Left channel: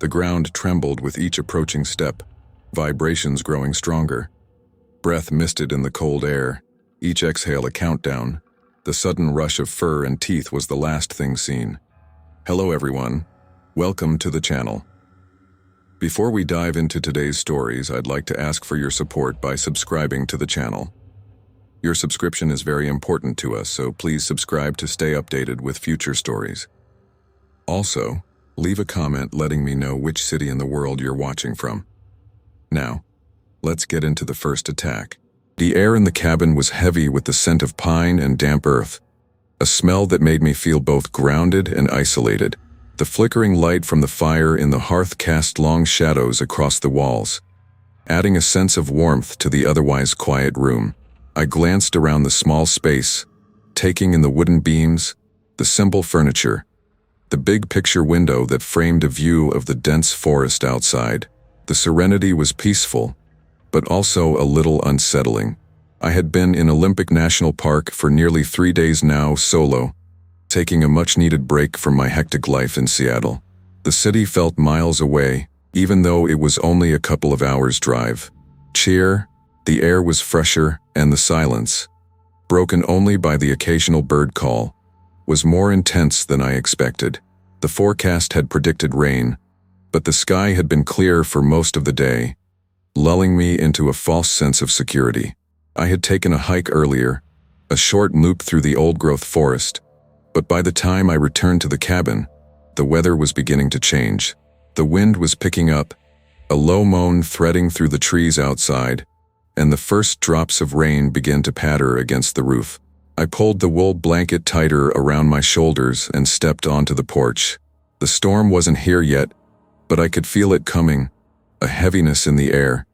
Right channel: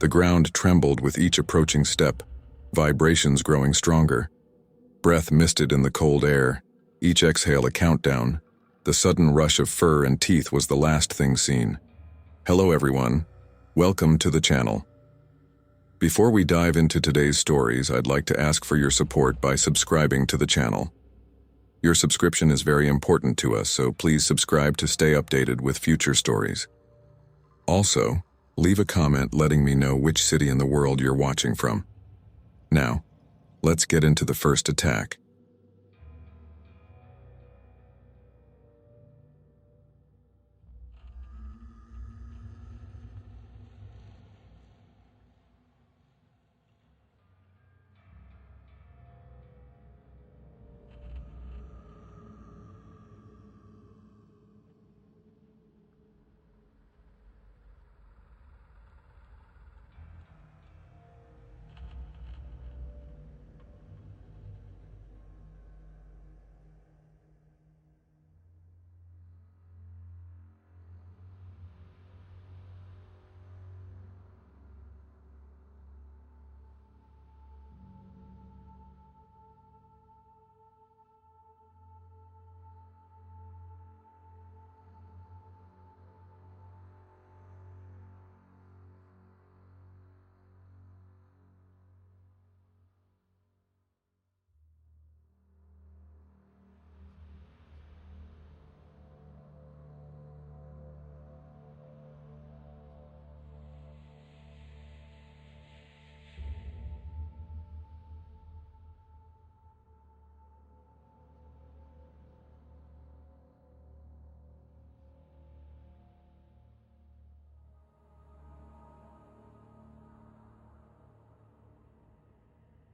The ground trembled with each approaching step, vibrations growing stronger. Breath misted in the cold air, each exhale a countdown. The sudden rush of fur and teeth was the last thing seen. Hello everyone, welcome to the channel. Before we dive into today's stories, I'd like to ask for your support by subscribing to the channel. Your subscription is very important to us, so please subscribe to stay updated with future stories. Also, leave a comment letting me know which city in the world you're watching from. Now, let's get into the first attack. The air in the cabin was heavy with the scent of pine and damp earth, a smell that made me feel both grounded and isolated. The flickering light from the fire in the hearth cast long shadows across the walls, adding a sense of warmth to the otherwise quiet room. I glanced around the small space, taking in the wooden beams, the simple furniture, the big picture window that framed a view of the dense forest outside. The serenity was peaceful, but also a little unsettling. I had been in Olympic National Park for nearly 3 days now, solo, taking a much-needed break from my hectic life in Seattle. The city felt miles away, even though it was only a couple of hours' drive. The air was fresher, and the silence, broken only by the occasional bird call, was more intense than I expected. The forecast had predicted rain, but the sky had been clear for most of the day, lulling me into a false sense of security. I had taken a hike earlier, a short loop through the old-growth forest, but by the time I returned to the cabin, the weather was beginning to change. The wind was picking up, a low moan threading through the trees outside, and the first drops of rain began to patter against the roof. I pulled the wool blanket tighter around my shoulders and stepped onto the porch. The storm wasn't here yet, but I could feel it coming, a heaviness in the air,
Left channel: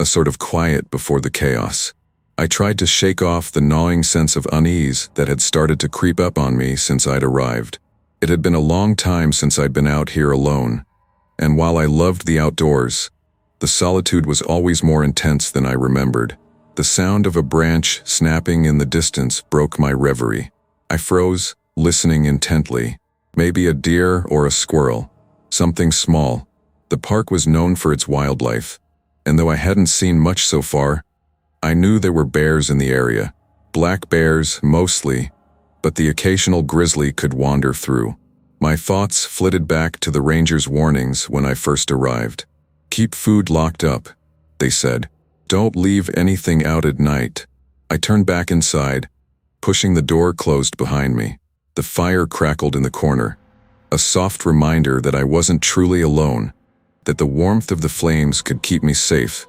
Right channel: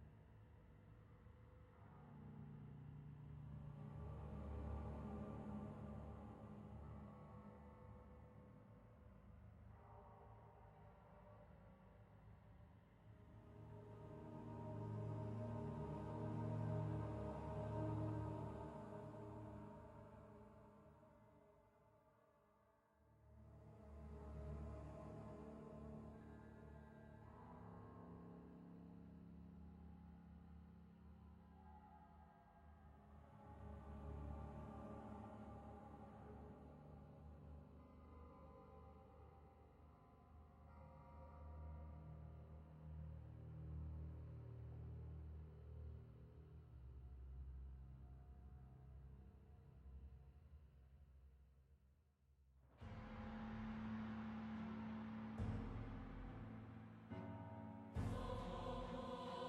a sort of quiet before the chaos. I tried to shake off the gnawing sense of unease that had started to creep up on me since I'd arrived. It had been a long time since I'd been out here alone, and while I loved the outdoors, the solitude was always more intense than I remembered. The sound of a branch snapping in the distance broke my reverie. I froze, listening intently. Maybe a deer or a squirrel, something small. The park was known for its wildlife, and though I hadn't seen much so far, I knew there were bears in the area. Black bears, mostly, but the occasional grizzly could wander through. My thoughts flitted back to the ranger's warnings when I first arrived. "Keep food locked up," they said. "Don't leave anything out at night." I turned back inside, pushing the door closed behind me. The fire crackled in the corner, a soft reminder that I wasn't truly alone, that the warmth of the flames could keep me safe.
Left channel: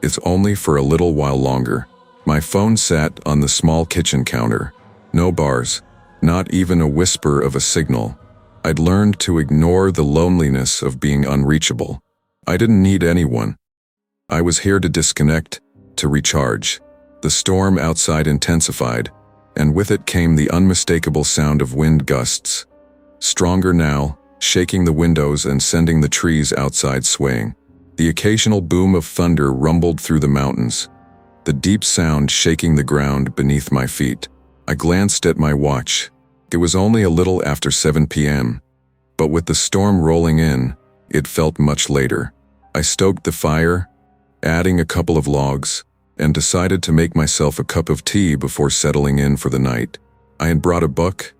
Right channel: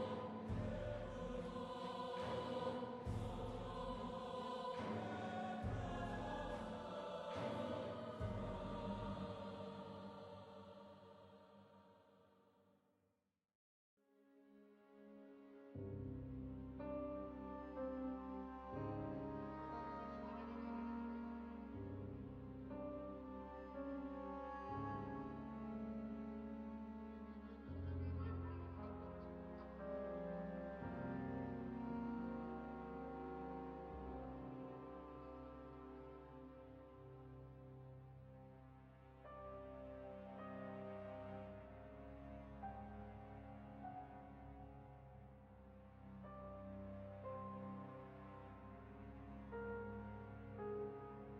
It's only for a little while longer. My phone sat on the small kitchen counter. No bars, not even a whisper of a signal. I'd learned to ignore the loneliness of being unreachable. I didn't need anyone. I was here to disconnect, to recharge. The storm outside intensified, and with it came the unmistakable sound of wind gusts. Stronger now, shaking the windows and sending the trees outside swaying. The occasional boom of thunder rumbled through the mountains, the deep sound shaking the ground beneath my feet. I glanced at my watch. It was only a little after 7 p.m., but with the storm rolling in, it felt much later. I stoked the fire, adding a couple of logs, and decided to make myself a cup of tea before settling in for the night. I had brought a book,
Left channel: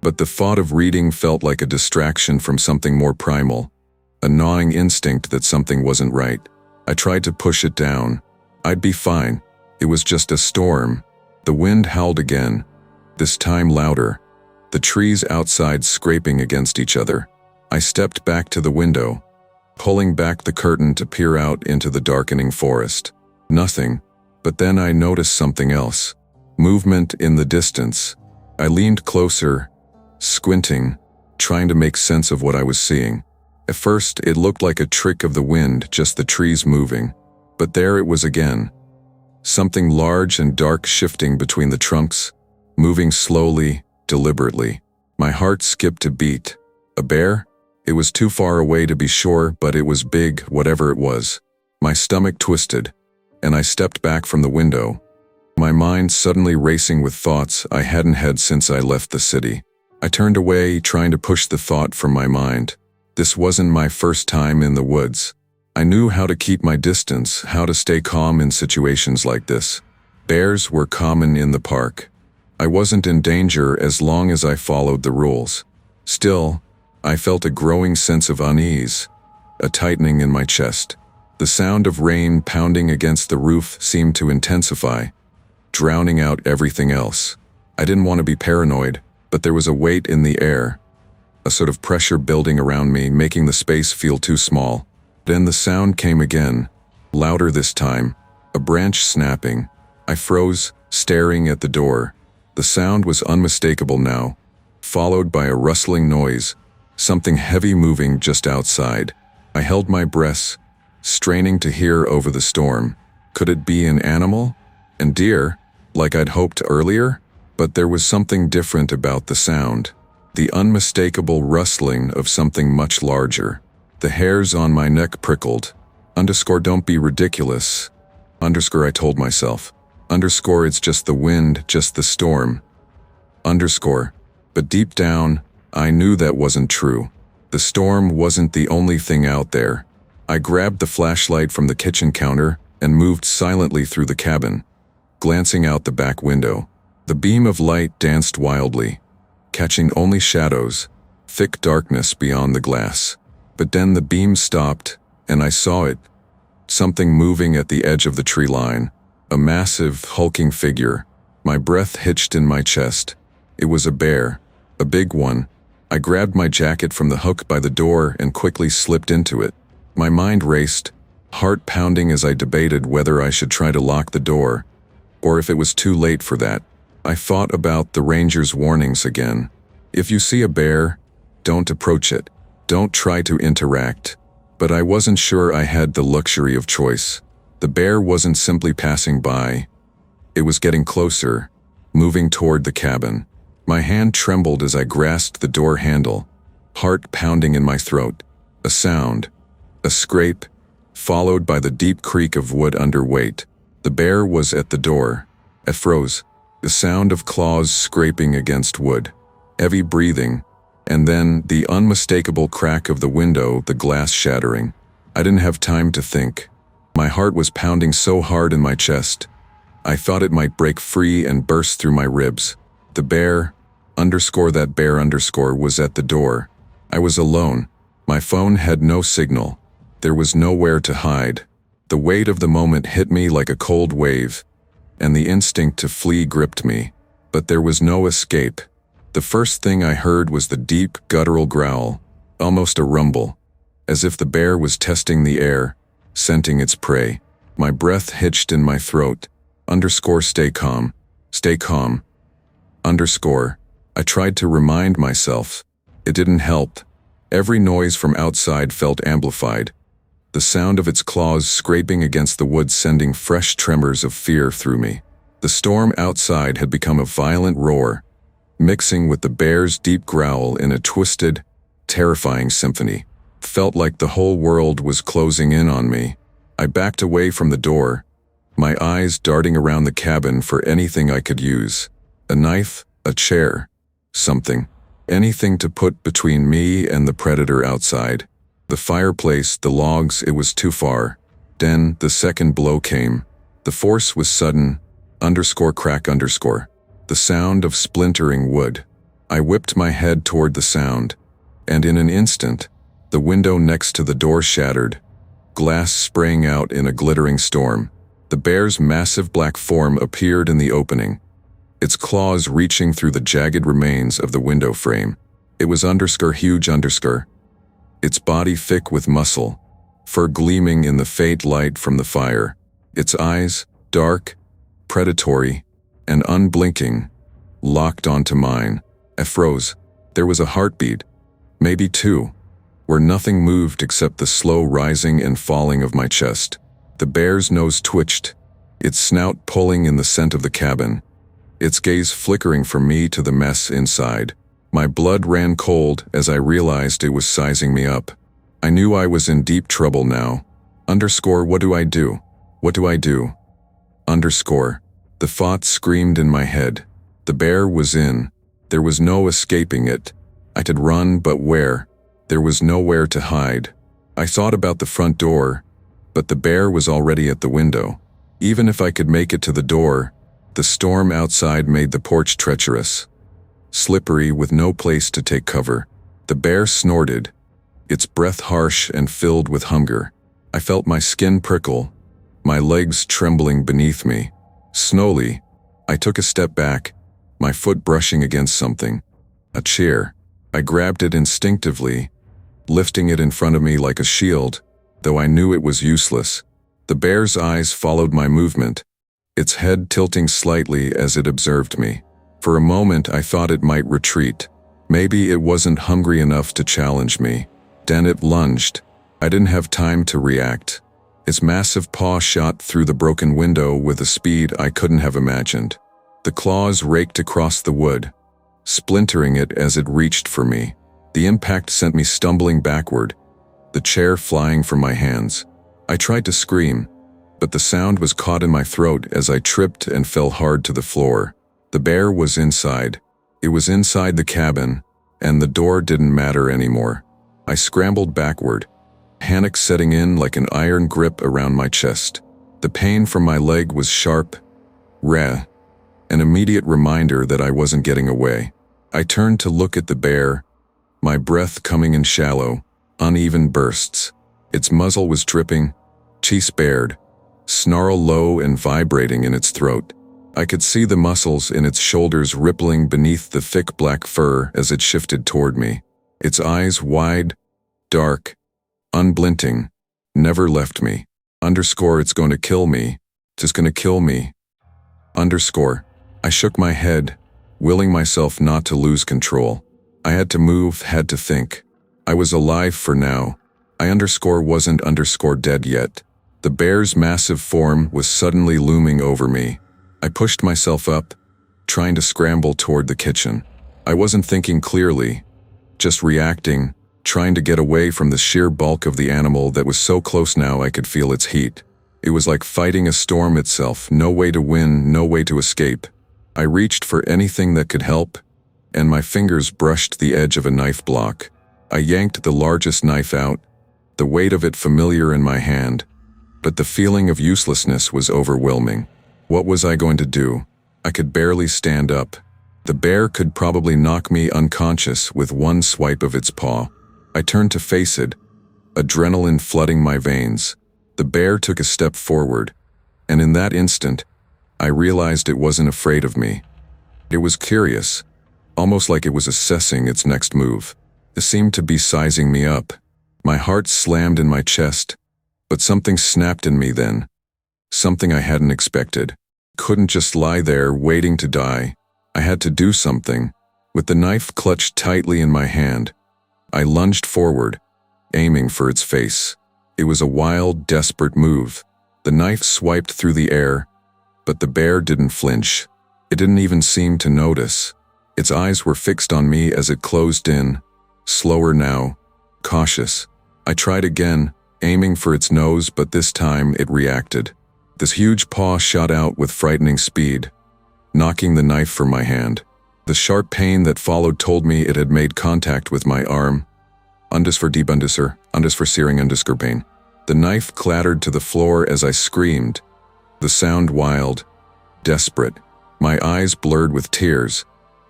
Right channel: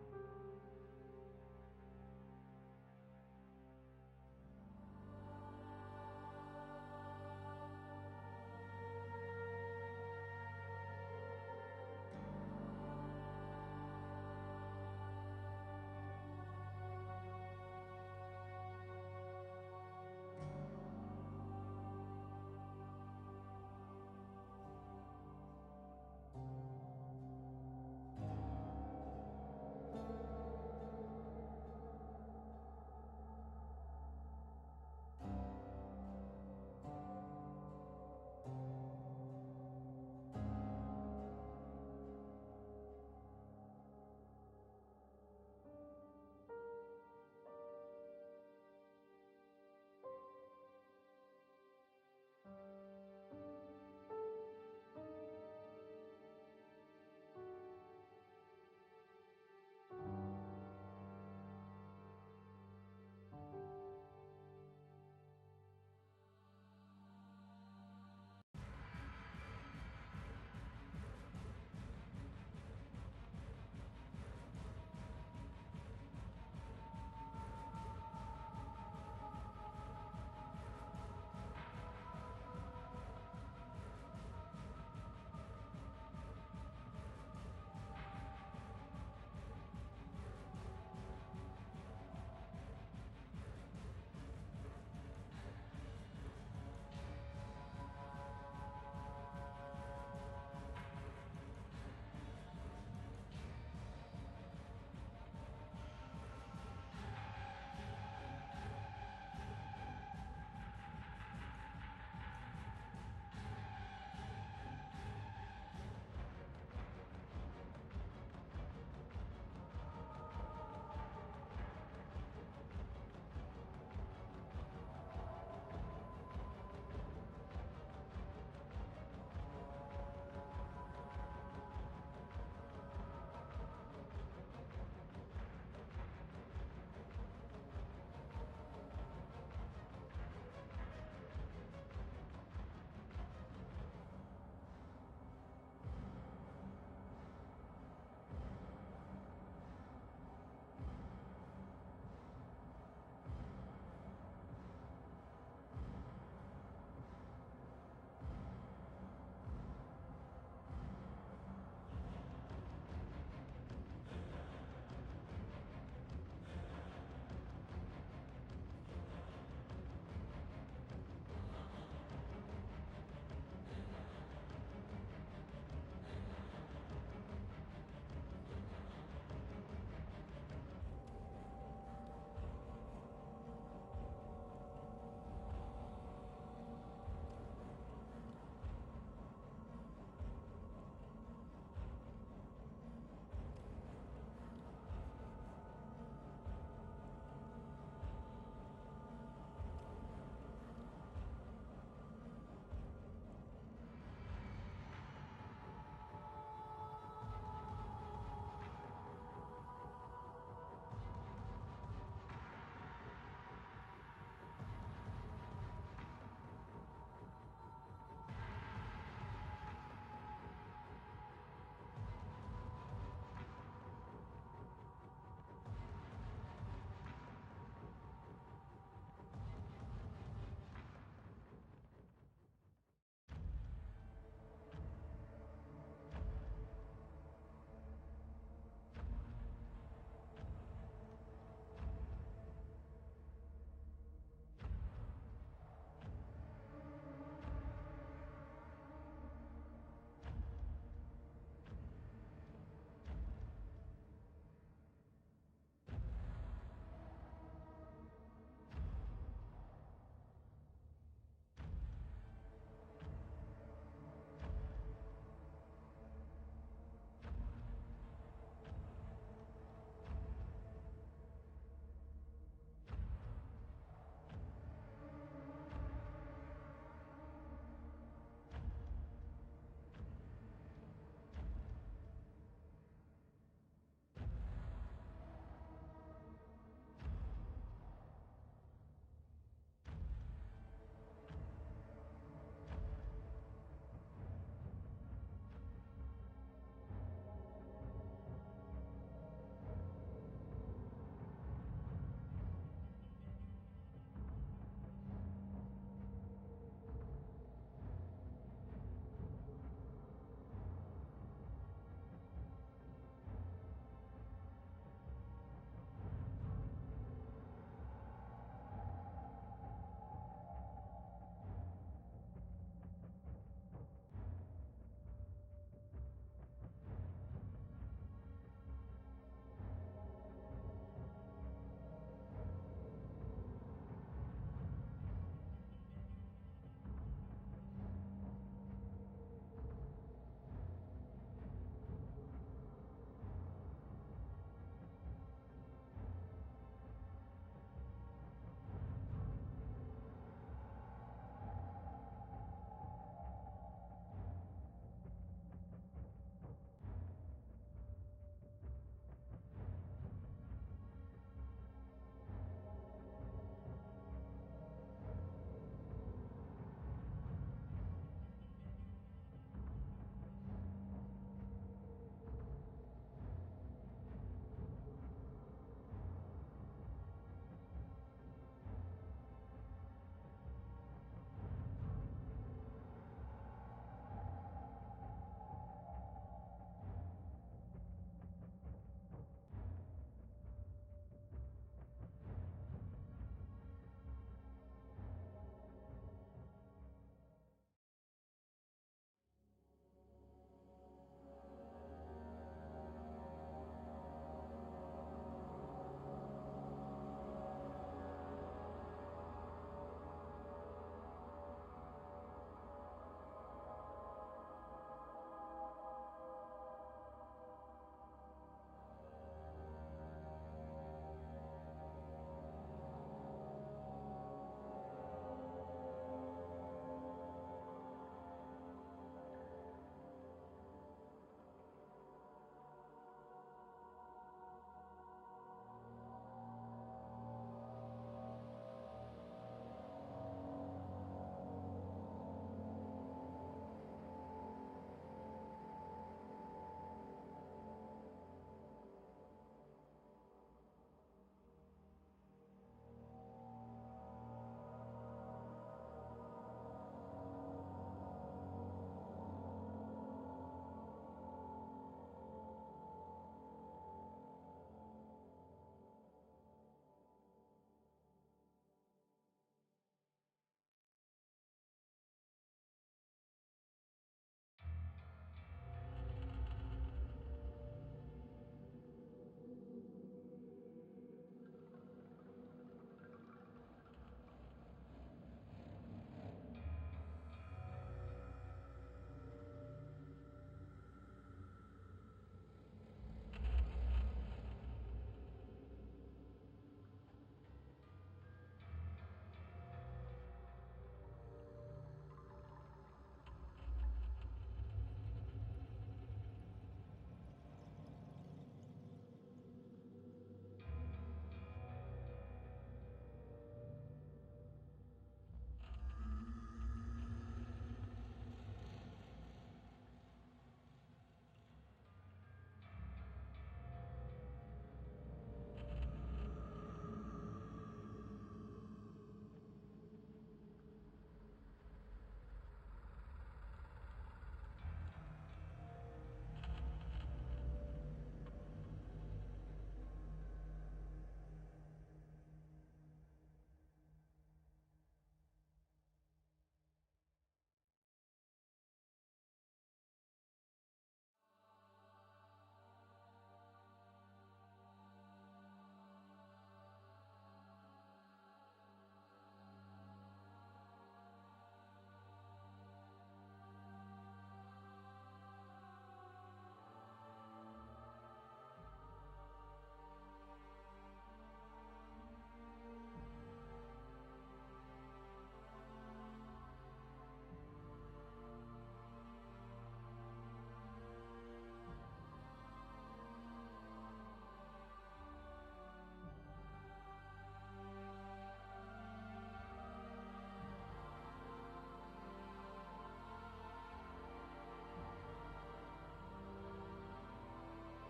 but the thought of reading felt like a distraction from something more primal, a gnawing instinct that something wasn't right. I tried to push it down. I'd be fine. It was just a storm. The wind howled again, this time louder, the trees outside scraping against each other. I stepped back to the window, pulling back the curtain to peer out into the darkening forest. Nothing, but then I noticed something else. Movement in the distance. I leaned closer, squinting, trying to make sense of what I was seeing. At first, it looked like a trick of the wind, just the trees moving. But there it was again. Something large and dark shifting between the trunks, moving slowly, deliberately. My heart skipped a beat. A bear? It was too far away to be sure, but it was big, whatever it was. My stomach twisted, and I stepped back from the window, my mind suddenly racing with thoughts I hadn't had since I left the city. I turned away, trying to push the thought from my mind. This wasn't my first time in the woods. I knew how to keep my distance, how to stay calm in situations like this. Bears were common in the park. I wasn't in danger as long as I followed the rules. Still, I felt a growing sense of unease, a tightening in my chest. The sound of rain pounding against the roof seemed to intensify, drowning out everything else. I didn't want to be paranoid, but there was a weight in the air, a sort of pressure building around me, making the space feel too small. Then the sound came again, louder this time, a branch snapping. I froze, staring at the door. The sound was unmistakable now, followed by a rustling noise, something heavy moving just outside. I held my breath, straining to hear over the storm. Could it be an animal? And deer, like I'd hoped earlier? But there was something different about the sound. The unmistakable rustling of something much larger. The hairs on my neck prickled. Don't be ridiculous. I told myself. It's just the wind, just the storm. But deep down, I knew that wasn't true. The storm wasn't the only thing out there. I grabbed the flashlight from the kitchen counter and moved silently through the cabin, glancing out the back window. The beam of light danced wildly, catching only shadows, thick darkness beyond the glass. But then the beam stopped, and I saw it. Something moving at the edge of the tree line. A massive, hulking figure. My breath hitched in my chest. It was a bear, a big one. I grabbed my jacket from the hook by the door and quickly slipped into it. My mind raced, heart pounding as I debated whether I should try to lock the door, or if it was too late for that. I thought about the ranger's warnings again. If you see a bear, don't approach it. Don't try to interact. But I wasn't sure I had the luxury of choice. The bear wasn't simply passing by. It was getting closer, moving toward the cabin. My hand trembled as I grasped the door handle, heart pounding in my throat. A sound, a scrape, followed by the deep creak of wood under weight. The bear was at the door. I froze, the sound of claws scraping against wood, heavy breathing, and then the unmistakable crack of the window, the glass shattering. I didn't have time to think. My heart was pounding so hard in my chest. I thought it might break free and burst through my ribs. The bear, that bear, was at the door. I was alone. My phone had no signal. There was nowhere to hide. The weight of the moment hit me like a cold wave, and the instinct to flee gripped me. But there was no escape. The first thing I heard was the deep, guttural growl, almost a rumble, as if the bear was testing the air, scenting its prey. My breath hitched in my throat. Stay calm. Stay calm. I tried to remind myself. It didn't help. Every noise from outside felt amplified. The sound of its claws scraping against the wood sending fresh tremors of fear through me. The storm outside had become a violent roar, mixing with the bear's deep growl in a twisted, terrifying symphony. Felt like the whole world was closing in on me. I backed away from the door, my eyes darting around the cabin for anything I could use. A knife, a chair, something. Anything to put between me and the predator outside. The fireplace, the logs, it was too far. Then the second blow came. The force was sudden, crack. The sound of splintering wood. I whipped my head toward the sound, and in an instant, the window next to the door shattered, glass spraying out in a glittering storm. The bear's massive black form appeared in the opening, its claws reaching through the jagged remains of the window frame. It was huge, its body thick with muscle, fur gleaming in the faint light from the fire. Its eyes, dark, predatory, and unblinking, locked onto mine. I froze. There was a heartbeat, maybe two, where nothing moved except the slow rising and falling of my chest. The bear's nose twitched, its snout pulling in the scent of the cabin, its gaze flickering from me to the mess inside. My blood ran cold as I realized it was sizing me up. I knew I was in deep trouble now. What do I do? What do I do? The thought screamed in my head. The bear was in. There was no escaping it. I could run, but where? There was nowhere to hide. I thought about the front door, but the bear was already at the window. Even if I could make it to the door, the storm outside made the porch treacherous, slippery with no place to take cover. The bear snorted, its breath harsh and filled with hunger. I felt my skin prickle, my legs trembling beneath me. Slowly, I took a step back, my foot brushing against something. A chair. I grabbed it instinctively, lifting it in front of me like a shield, though I knew it was useless. The bear's eyes followed my movement, its head tilting slightly as it observed me. For a moment I thought it might retreat. Maybe it wasn't hungry enough to challenge me. Then it lunged. I didn't have time to react. Its massive paw shot through the broken window with a speed I couldn't have imagined. The claws raked across the wood, splintering it as it reached for me. The impact sent me stumbling backward, the chair flying from my hands. I tried to scream, but the sound was caught in my throat as I tripped and fell hard to the floor. The bear was inside. It was inside the cabin, and the door didn't matter anymore. I scrambled backward, panic setting in like an iron grip around my chest. The pain from my leg was sharp, an immediate reminder that I wasn't getting away. I turned to look at the bear, my breath coming in shallow, uneven bursts. Its muzzle was dripping, teeth bared, snarl low and vibrating in its throat. I could see the muscles in its shoulders rippling beneath the thick black fur as it shifted toward me. Its eyes wide, dark, unblinking, never left me. It's gonna kill me. It's gonna kill me. I shook my head, willing myself not to lose control. I had to move, had to think. I was alive for now. I wasn't dead yet. The bear's massive form was suddenly looming over me. I pushed myself up, trying to scramble toward the kitchen. I wasn't thinking clearly, just reacting, trying to get away from the sheer bulk of the animal that was so close now I could feel its heat. It was like fighting a storm itself, no way to win, no way to escape. I reached for anything that could help, and my fingers brushed the edge of a knife block. I yanked the largest knife out, the weight of it familiar in my hand, but the feeling of uselessness was overwhelming. What was I going to do? I could barely stand up. The bear could probably knock me unconscious with one swipe of its paw. I turned to face it, adrenaline flooding my veins. The bear took a step forward, and in that instant, I realized it wasn't afraid of me. It was curious, almost like it was assessing its next move. It seemed to be sizing me up. My heart slammed in my chest, but something snapped in me then. Something I hadn't expected. Couldn't just lie there waiting to die. I had to do something. With the knife clutched tightly in my hand, I lunged forward, aiming for its face. It was a wild, desperate move. The knife swiped through the air, but the bear didn't flinch. It didn't even seem to notice. Its eyes were fixed on me as it closed in, slower now, cautious. I tried again, aiming for its nose, but this time it reacted. This huge paw shot out with frightening speed, knocking the knife from my hand. The sharp pain that followed told me it had made contact with my arm. For searing pain. The knife clattered to the floor as I screamed, the sound wild, desperate. My eyes blurred with tears,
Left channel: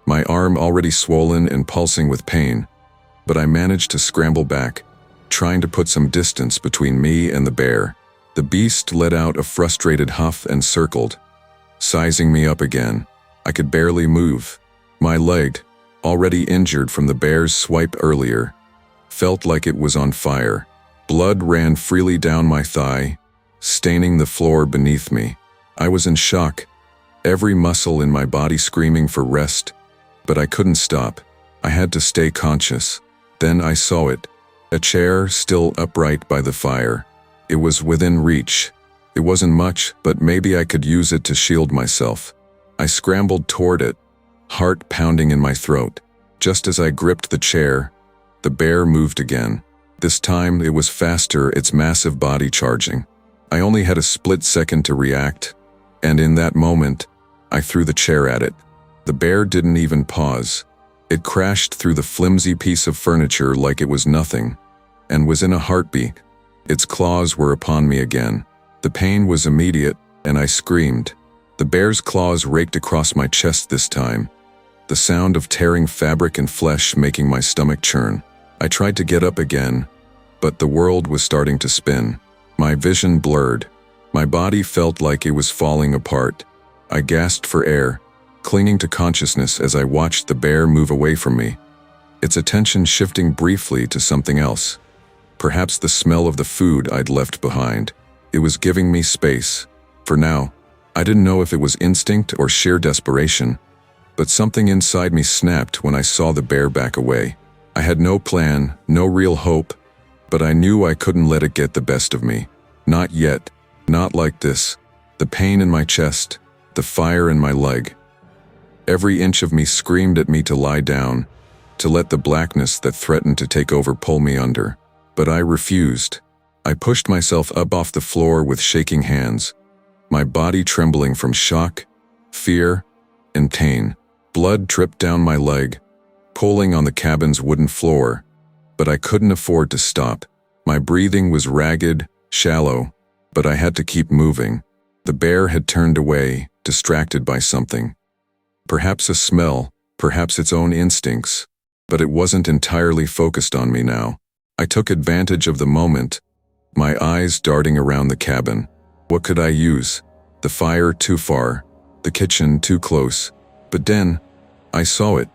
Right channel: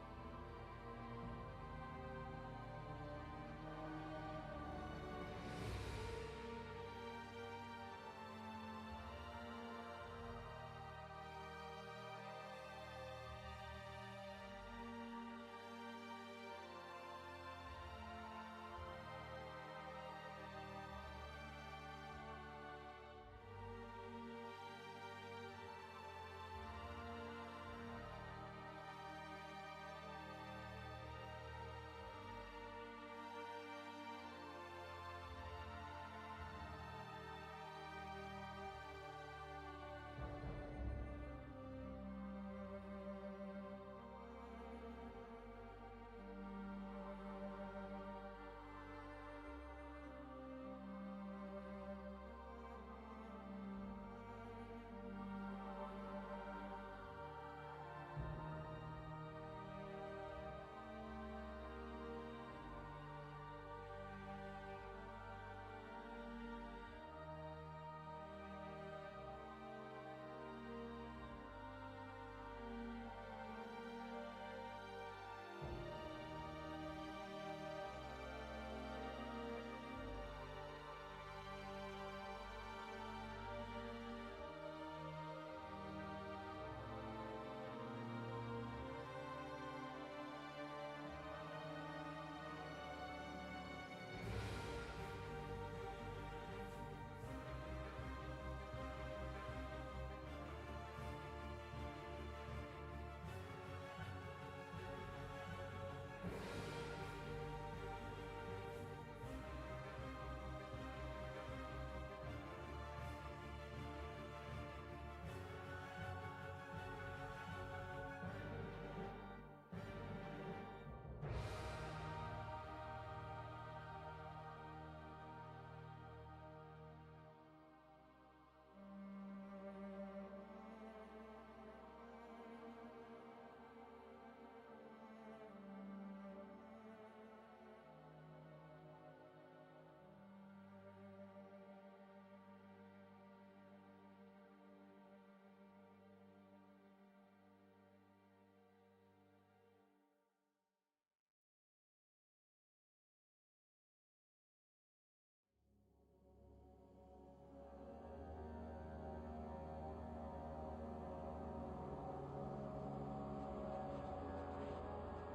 my arm already swollen and pulsing with pain. But I managed to scramble back, trying to put some distance between me and the bear. The beast let out a frustrated huff and circled, sizing me up again. I could barely move. My leg, already injured from the bear's swipe earlier, felt like it was on fire. Blood ran freely down my thigh, staining the floor beneath me. I was in shock, every muscle in my body screaming for rest, but I couldn't stop. I had to stay conscious. Then I saw it, a chair still upright by the fire. It was within reach. It wasn't much, but maybe I could use it to shield myself. I scrambled toward it, heart pounding in my throat. Just as I gripped the chair, the bear moved again. This time it was faster, its massive body charging. I only had a split second to react, and in that moment, I threw the chair at it. The bear didn't even pause. It crashed through the flimsy piece of furniture like it was nothing, and was in a heartbeat. Its claws were upon me again. The pain was immediate, and I screamed. The bear's claws raked across my chest this time, the sound of tearing fabric and flesh making my stomach churn. I tried to get up again, but the world was starting to spin. My vision blurred. My body felt like it was falling apart. I gasped for air, clinging to consciousness as I watched the bear move away from me, its attention shifting briefly to something else. Perhaps the smell of the food I'd left behind. It was giving me space. For now, I didn't know if it was instinct or sheer desperation, but something inside me snapped when I saw the bear back away. I had no plan, no real hope, but I knew I couldn't let it get the best of me. Not yet. Not like this. The pain in my chest, the fire in my leg. Every inch of me screamed at me to lie down, to let the blackness that threatened to take over pull me under. But I refused. I pushed myself up off the floor with shaking hands, my body trembling from shock, fear, and pain. Blood dripped down my leg, pulling on the cabin's wooden floor, but I couldn't afford to stop. My breathing was ragged, shallow, but I had to keep moving. The bear had turned away, distracted by something. Perhaps a smell, perhaps its own instincts, but it wasn't entirely focused on me now. I took advantage of the moment, my eyes darting around the cabin. What could I use? The fire too far, the kitchen too close. But then, I saw it.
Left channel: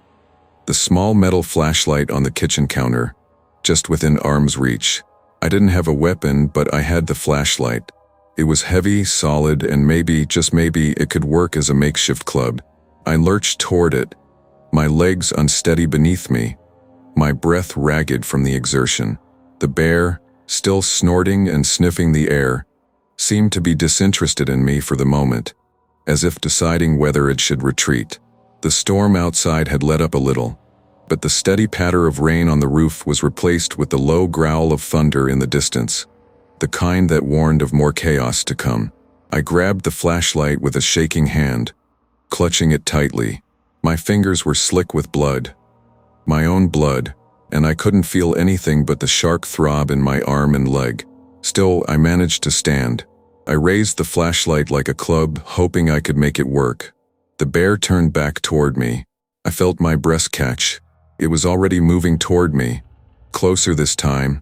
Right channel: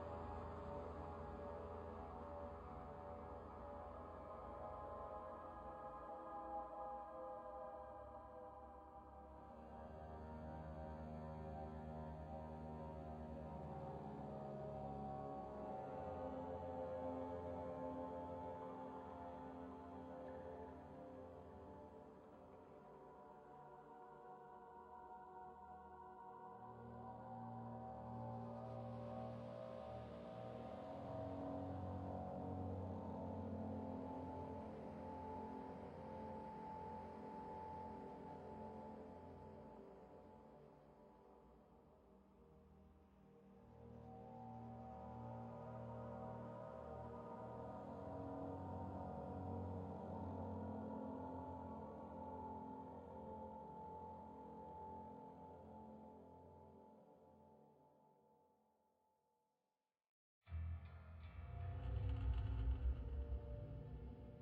The small metal flashlight on the kitchen counter, just within arm's reach. I didn't have a weapon, but I had the flashlight. It was heavy, solid, and maybe, just maybe, it could work as a makeshift club. I lurched toward it, my legs unsteady beneath me, my breath ragged from the exertion. The bear, still snorting and sniffing the air, seemed to be disinterested in me for the moment, as if deciding whether it should retreat. The storm outside had let up a little, but the steady patter of rain on the roof was replaced with the low growl of thunder in the distance, the kind that warned of more chaos to come. I grabbed the flashlight with a shaking hand, clutching it tightly. My fingers were slick with blood, my own blood, and I couldn't feel anything but the sharp throb in my arm and leg. Still, I managed to stand. I raised the flashlight like a club, hoping I could make it work. The bear turned back toward me. I felt my breath catch. It was already moving toward me, closer this time,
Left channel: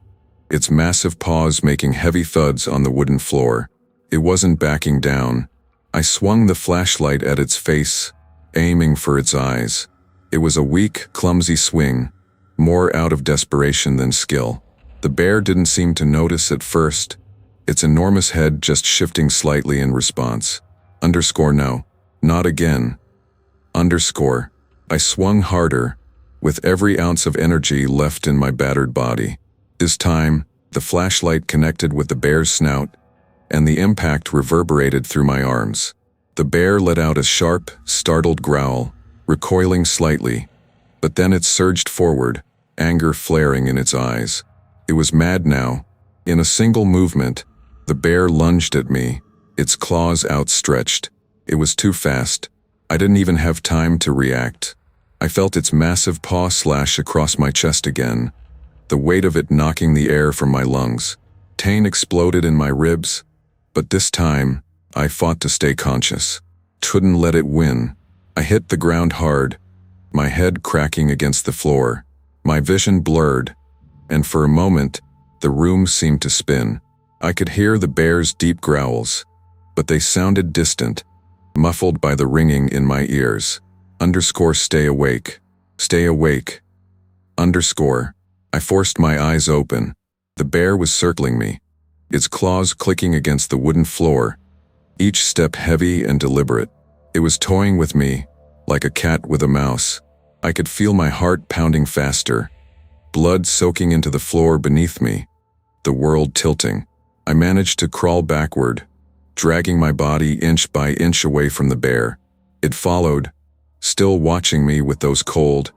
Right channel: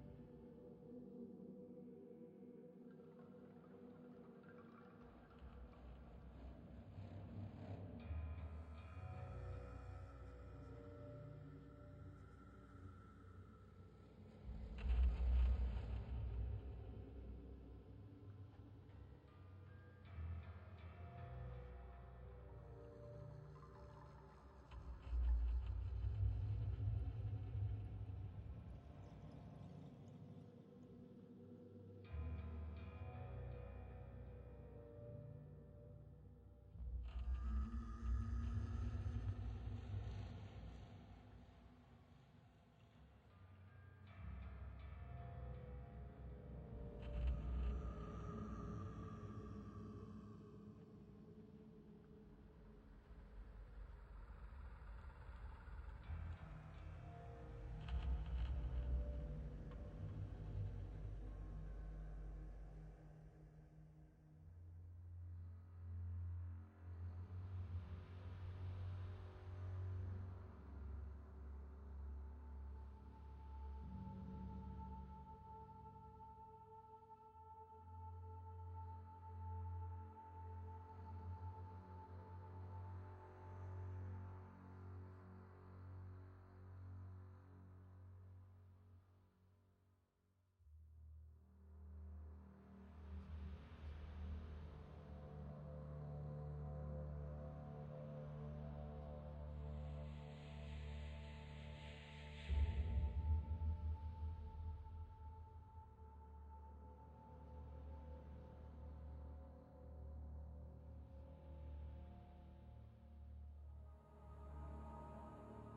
its massive paws making heavy thuds on the wooden floor. It wasn't backing down. I swung the flashlight at its face, aiming for its eyes. It was a weak, clumsy swing, more out of desperation than skill. The bear didn't seem to notice at first, its enormous head just shifting slightly in response. No, not again. I swung harder, with every ounce of energy left in my battered body. This time, the flashlight connected with the bear's snout, and the impact reverberated through my arms. The bear let out a sharp, startled growl, recoiling slightly, but then it surged forward, anger flaring in its eyes. It was mad now. In a single movement, the bear lunged at me, its claws outstretched. It was too fast. I didn't even have time to react. I felt its massive paw slash across my chest again, the weight of it knocking the air from my lungs. Pain exploded in my ribs, but this time, I fought to stay conscious. Couldn't let it win. I hit the ground hard, my head cracking against the floor. My vision blurred, and for a moment, the room seemed to spin. I could hear the bear's deep growls, but they sounded distant, muffled by the ringing in my ears. Stay awake. Stay awake. I forced my eyes open. The bear was circling me, its claws clicking against the wooden floor, each step heavy and deliberate. It was toying with me, like a cat with a mouse. I could feel my heart pounding faster, blood soaking into the floor beneath me, the world tilting. I managed to crawl backward, dragging my body inch by inch away from the bear. It followed, still watching me with those cold,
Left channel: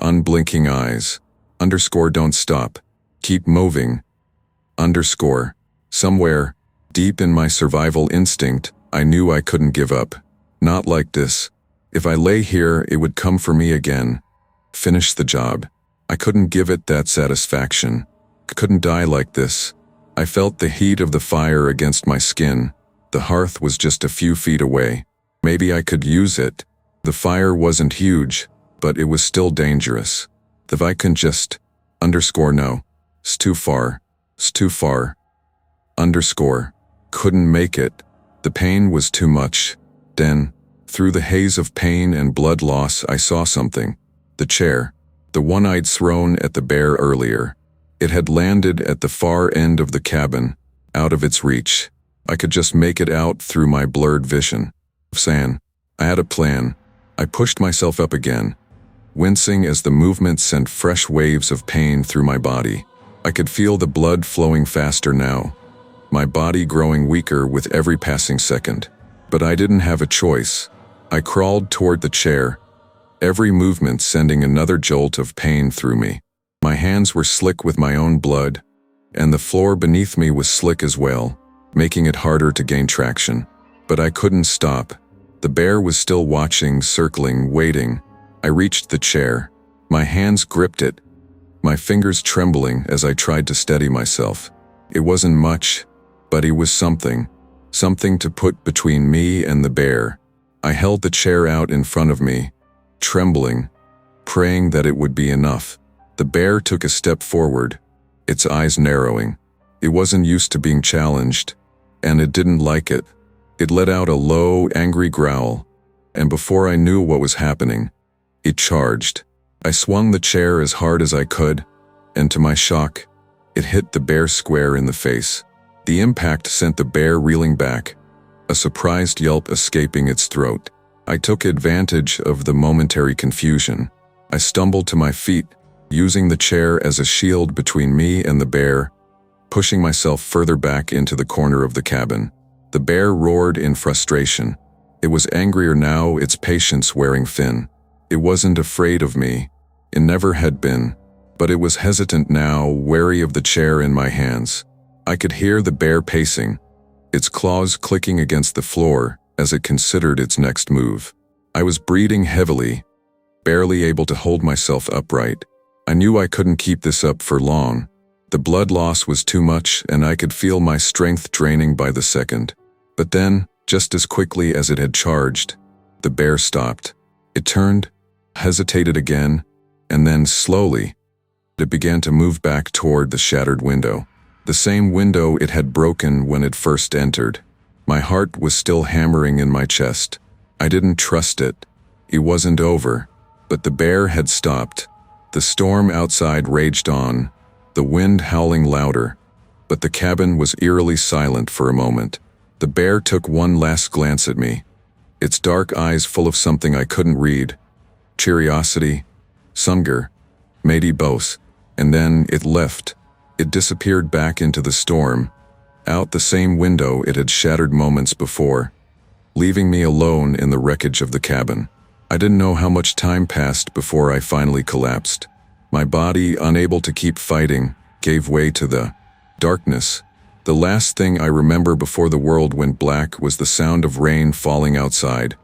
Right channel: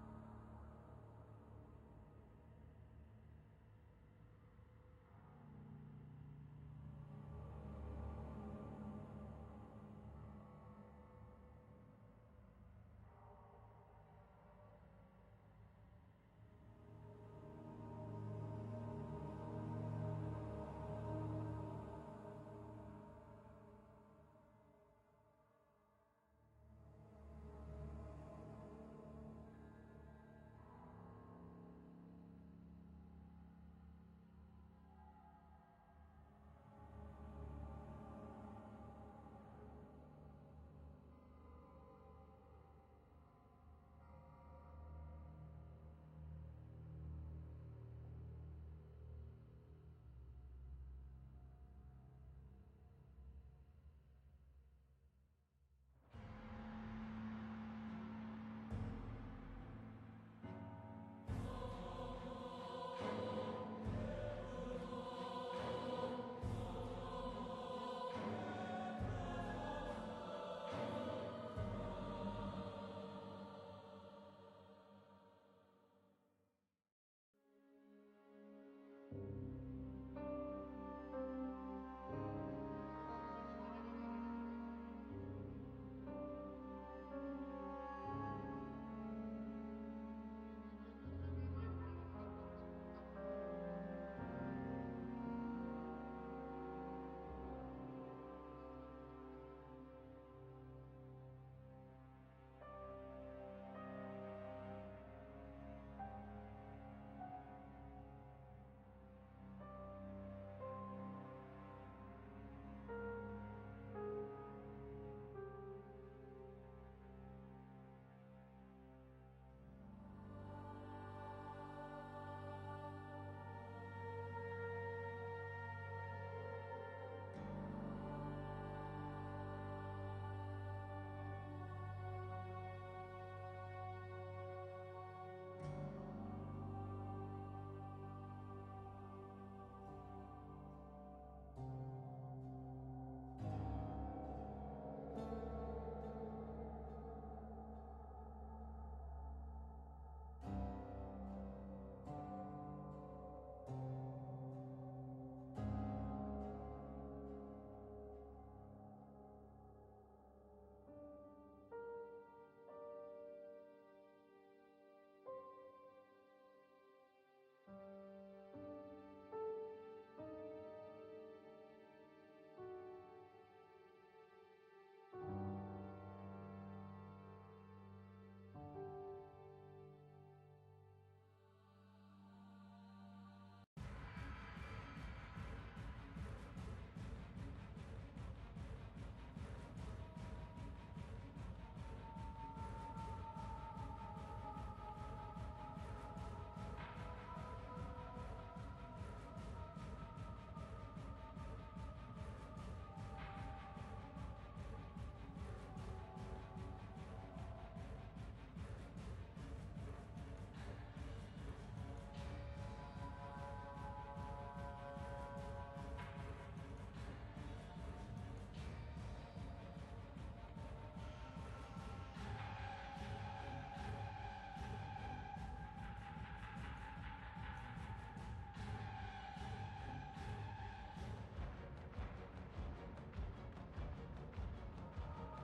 unblinking eyes. Don't stop. Keep moving. Somewhere, deep in my survival instinct, I knew I couldn't give up. Not like this. If I lay here, it would come for me again. finish the job. I couldn't give it that satisfaction. I couldn't die like this. I felt the heat of the fire against my skin. The hearth was just a few feet away. Maybe I could use it. The fire wasn't huge, but it was still dangerous. If I can just... No. It's too far. It's too far. Couldn't make it. The pain was too much. Then, through the haze of pain and blood loss, I saw something. The chair. The one I'd thrown at the bear earlier. It had landed at the far end of the cabin, out of its reach. I could just make it out through my blurred vision. I had a plan. I pushed myself up again, wincing as the movement sent fresh waves of pain through my body. I could feel the blood flowing faster now, my body growing weaker with every passing second. But I didn't have a choice. I crawled toward the chair, every movement sending another jolt of pain through me. My hands were slick with my own blood, and the floor beneath me was slick as well, making it harder to gain traction. But I couldn't stop. The bear was still watching, circling, waiting. I reached the chair. My hands gripped it, my fingers trembling as I tried to steady myself. It wasn't much, but it was something. Something to put between me and the bear. I held the chair out in front of me, trembling, praying that it would be enough. The bear took a step forward, its eyes narrowing. It wasn't used to being challenged, and it didn't like it. It let out a low, angry growl, and before I knew what was happening, it charged. I swung the chair as hard as I could, and to my shock, it hit the bear square in the face. The impact sent the bear reeling back, a surprised yelp escaping its throat. I took advantage of the momentary confusion. I stumbled to my feet, using the chair as a shield between me and the bear, pushing myself further back into the corner of the cabin. The bear roared in frustration. It was angrier now, its patience wearing thin. It wasn't afraid of me. It never had been. But it was hesitant now, wary of the chair in my hands. I could hear the bear pacing, its claws clicking against the floor as it considered its next move. I was breathing heavily, barely able to hold myself upright. I knew I couldn't keep this up for long. The blood loss was too much, and I could feel my strength draining by the second. But then, just as quickly as it had charged, the bear stopped. It turned, hesitated again, and then slowly, it began to move back toward the shattered window. The same window it had broken when it first entered. My heart was still hammering in my chest. I didn't trust it. It wasn't over. But the bear had stopped. The storm outside raged on, the wind howling louder, but the cabin was eerily silent for a moment. The bear took one last glance at me, its dark eyes full of something I couldn't read. Curiosity, hunger, maybe both. And then it left. It disappeared back into the storm, out the same window it had shattered moments before, leaving me alone in the wreckage of the cabin. I didn't know how much time passed before I finally collapsed. My body, unable to keep fighting, gave way to the darkness. The last thing I remember before the world went black was the sound of rain falling outside,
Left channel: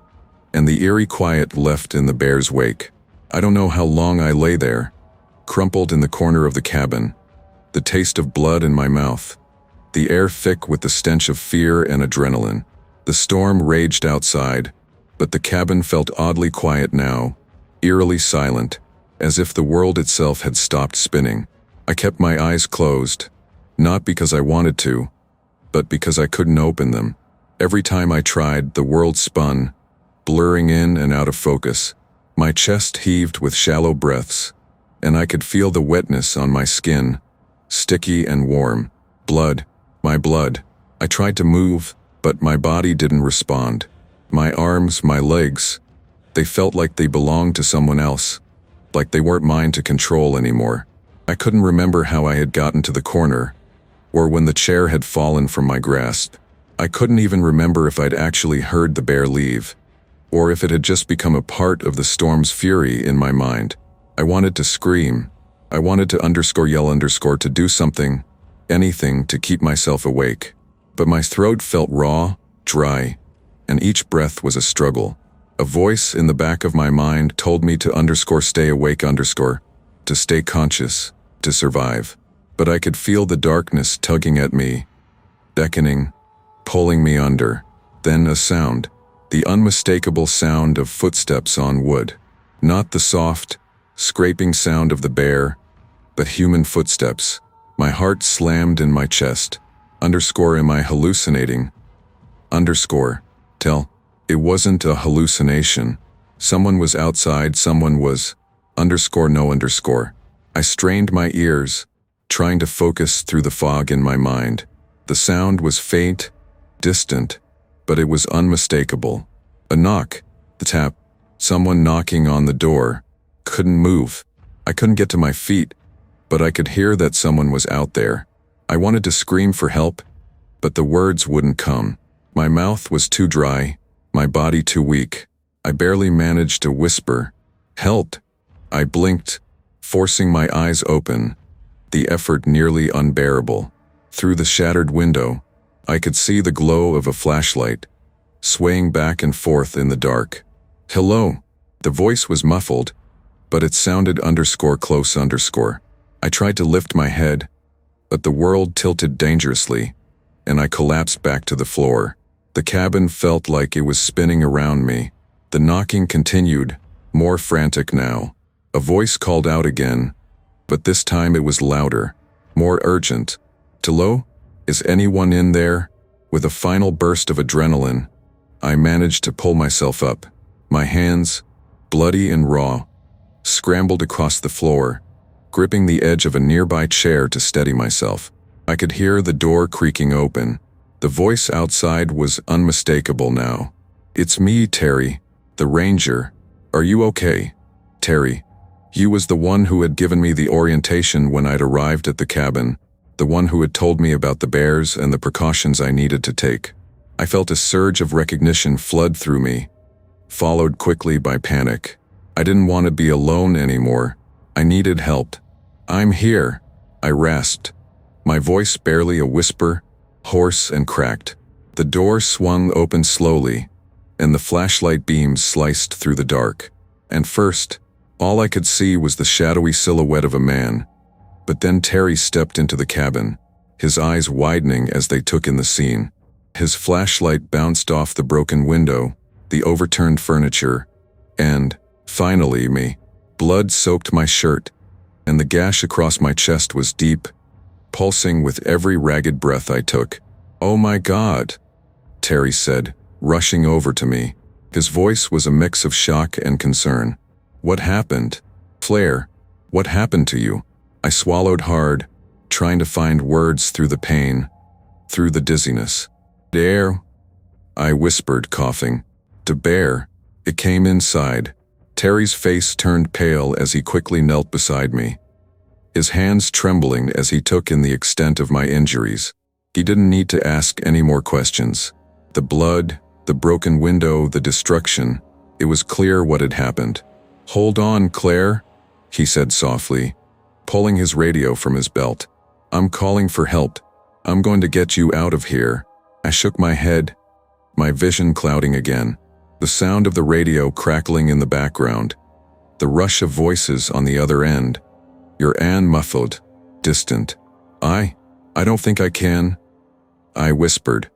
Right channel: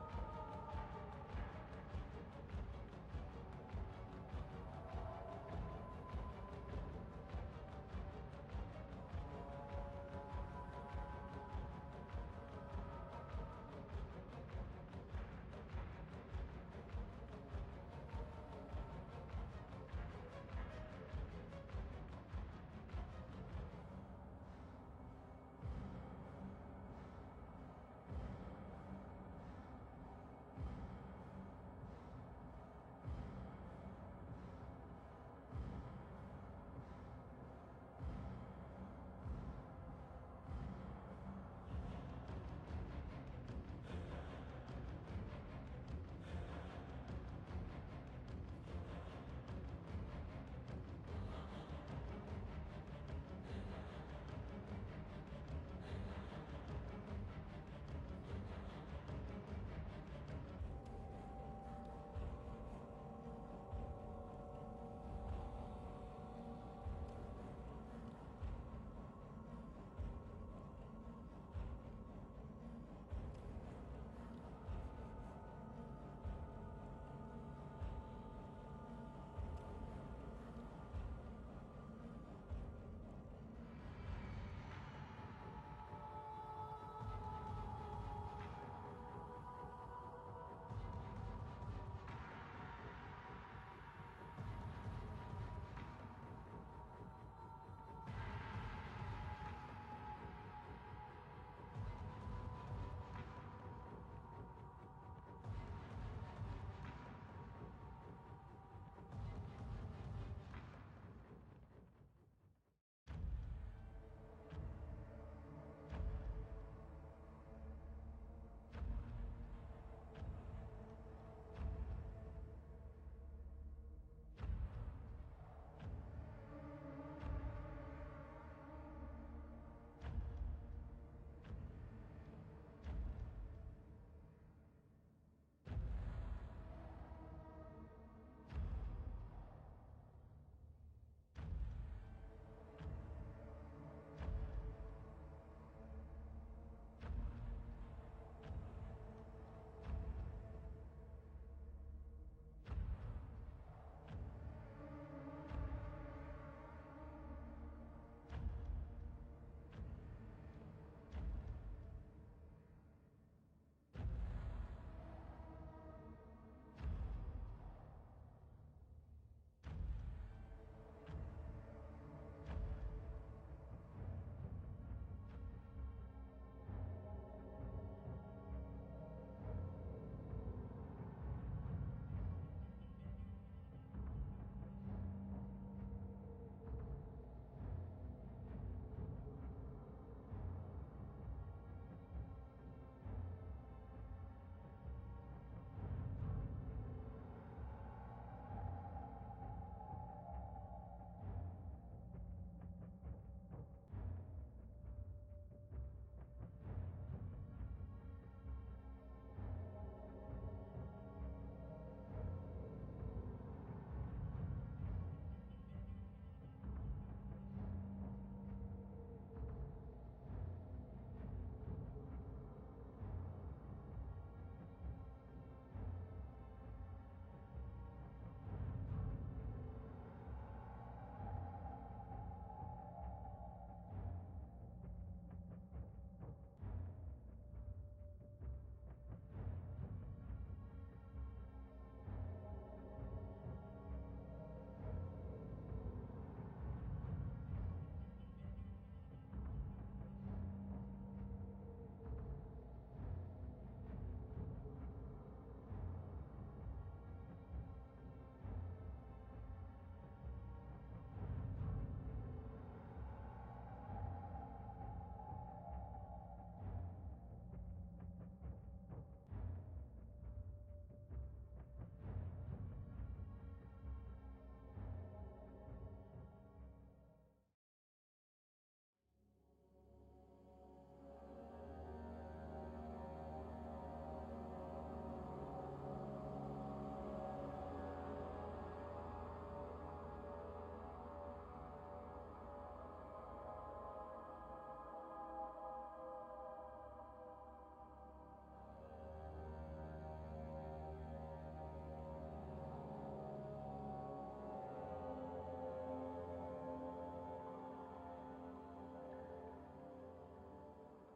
and the eerie quiet left in the bear's wake. I don't know how long I lay there, crumpled in the corner of the cabin, the taste of blood in my mouth, the air thick with the stench of fear and adrenaline. The storm raged outside, but the cabin felt oddly quiet now, eerily silent, as if the world itself had stopped spinning. I kept my eyes closed, not because I wanted to, but because I couldn't open them. Every time I tried, the world spun, blurring in and out of focus. My chest heaved with shallow breaths, and I could feel the wetness on my skin, sticky and warm. Blood, my blood. I tried to move, but my body didn't respond. My arms, my legs, they felt like they belonged to someone else, like they weren't mine to control anymore. I couldn't remember how I had gotten to the corner, or when the chair had fallen from my grasp. I couldn't even remember if I'd actually heard the bear leave, or if it had just become a part of the storm's fury in my mind. I wanted to scream. I wanted to yell to do something, anything to keep myself awake. But my throat felt raw, dry, and each breath was a struggle, A voice in the back of my mind told me to stay awake to stay conscious, to survive. But I could feel the darkness tugging at me, beckoning, pulling me under. Then a sound, the unmistakable sound of footsteps on wood. Not the soft, scraping sound of the bear, but human footsteps. My heart slammed in my chest. Am I hallucinating? Tell. It wasn't a hallucination. Someone was outside, someone was... No. I strained my ears, trying to focus through the fog in my mind. The sound was faint, distant, but it was unmistakable. A knock, the tap, someone knocking on the door. Couldn't move. I couldn't get to my feet, but I could hear that someone was out there. I wanted to scream for help, but the words wouldn't come. My mouth was too dry, my body too weak. I barely managed to whisper, "Help!" I blinked, forcing my eyes open, the effort nearly unbearable. Through the shattered window, I could see the glow of a flashlight, swaying back and forth in the dark. "Hello." The voice was muffled, but it sounded close. I tried to lift my head, but the world tilted dangerously, and I collapsed back to the floor. The cabin felt like it was spinning around me. The knocking continued, more frantic now. A voice called out again, but this time it was louder, more urgent. "Hello? Is anyone in there?" With a final burst of adrenaline, I managed to pull myself up. My hands, bloody and raw, scrambled across the floor, gripping the edge of a nearby chair to steady myself. I could hear the door creaking open. The voice outside was unmistakable now. "It's me, Terry, the ranger. Are you okay?" Terry. You was the one who had given me the orientation when I'd arrived at the cabin, the one who had told me about the bears and the precautions I needed to take. I felt a surge of recognition flood through me, followed quickly by panic. I didn't want to be alone anymore. I needed help. "I'm here," I rasped, my voice barely a whisper, hoarse and cracked. The door swung open slowly, and the flashlight beams sliced through the dark. And first, all I could see was the shadowy silhouette of a man. But then Terry stepped into the cabin, his eyes widening as they took in the scene. His flashlight bounced off the broken window, the overturned furniture, and, finally, me. Blood soaked my shirt, and the gash across my chest was deep, pulsing with every ragged breath I took. "Oh my God," Terry said, rushing over to me. His voice was a mix of shock and concern. "What happened? Claire, what happened to you?" I swallowed hard, trying to find words through the pain, through the dizziness. "Bear," I whispered, coughing. "To bear." It came inside. Terry's face turned pale as he quickly knelt beside me, his hands trembling as he took in the extent of my injuries. He didn't need to ask any more questions. The blood, the broken window, the destruction, it was clear what had happened. "Hold on, Claire," he said softly, pulling his radio from his belt. "I'm calling for help. I'm going to get you out of here." I shook my head, my vision clouding again. The sound of the radio crackling in the background, the rush of voices on the other end. Your Anne muffled, distant. I don't think I can," I whispered,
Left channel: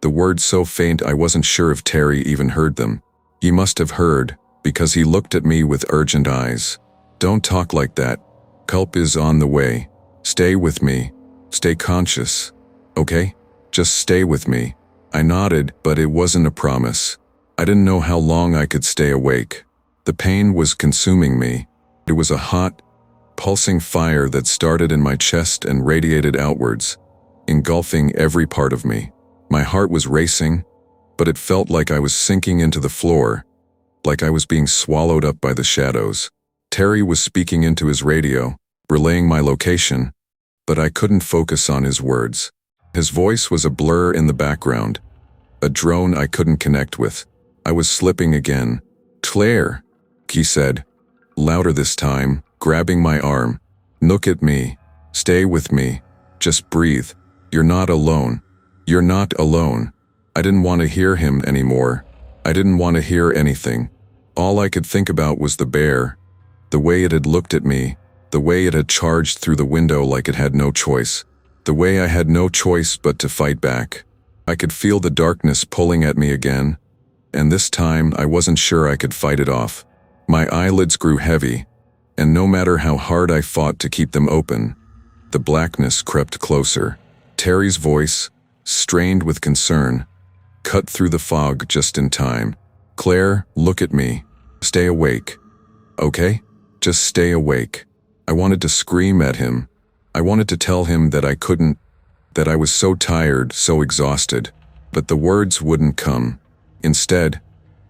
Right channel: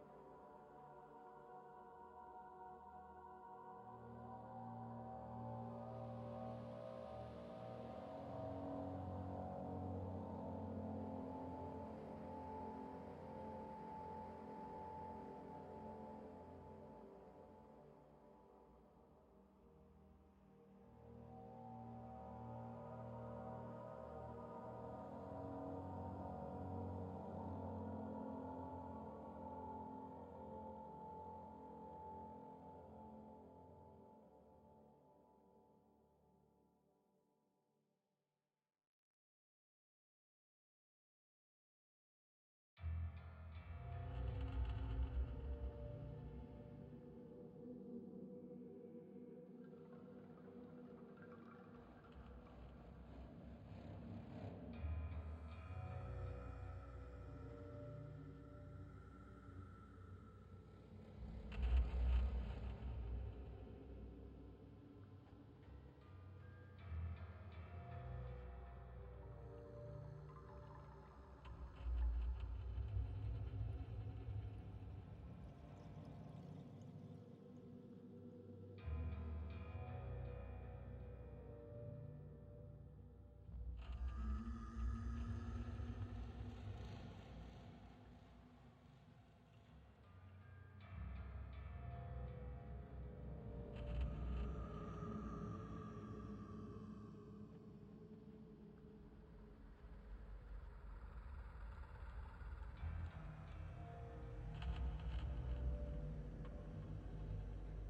the words so faint I wasn't sure if Terry even heard them. He must have heard, because he looked at me with urgent eyes. "Don't talk like that. Help is on the way. Stay with me. Stay conscious. Okay? Just stay with me." I nodded, but it wasn't a promise. I didn't know how long I could stay awake. The pain was consuming me. It was a hot, pulsing fire that started in my chest and radiated outwards, engulfing every part of me. My heart was racing, but it felt like I was sinking into the floor, like I was being swallowed up by the shadows. Terry was speaking into his radio, relaying my location, but I couldn't focus on his words. His voice was a blur in the background, a drone I couldn't connect with. I was slipping again. "Claire," he said, louder this time, grabbing my arm. "Look at me. Stay with me. Just breathe. You're not alone. You're not alone." I didn't want to hear him anymore. I didn't want to hear anything. All I could think about was the bear, the way it had looked at me, the way it had charged through the window like it had no choice, the way I had no choice but to fight back. I could feel the darkness pulling at me again, and this time I wasn't sure I could fight it off. My eyelids grew heavy, and no matter how hard I fought to keep them open, the blackness crept closer. Terry's voice, strained with concern, cut through the fog just in time. "Claire, look at me. Stay awake. Okay? Just stay awake." I wanted to scream at him. I wanted to tell him that I couldn't, that I was so tired, so exhausted, but the words wouldn't come. Instead,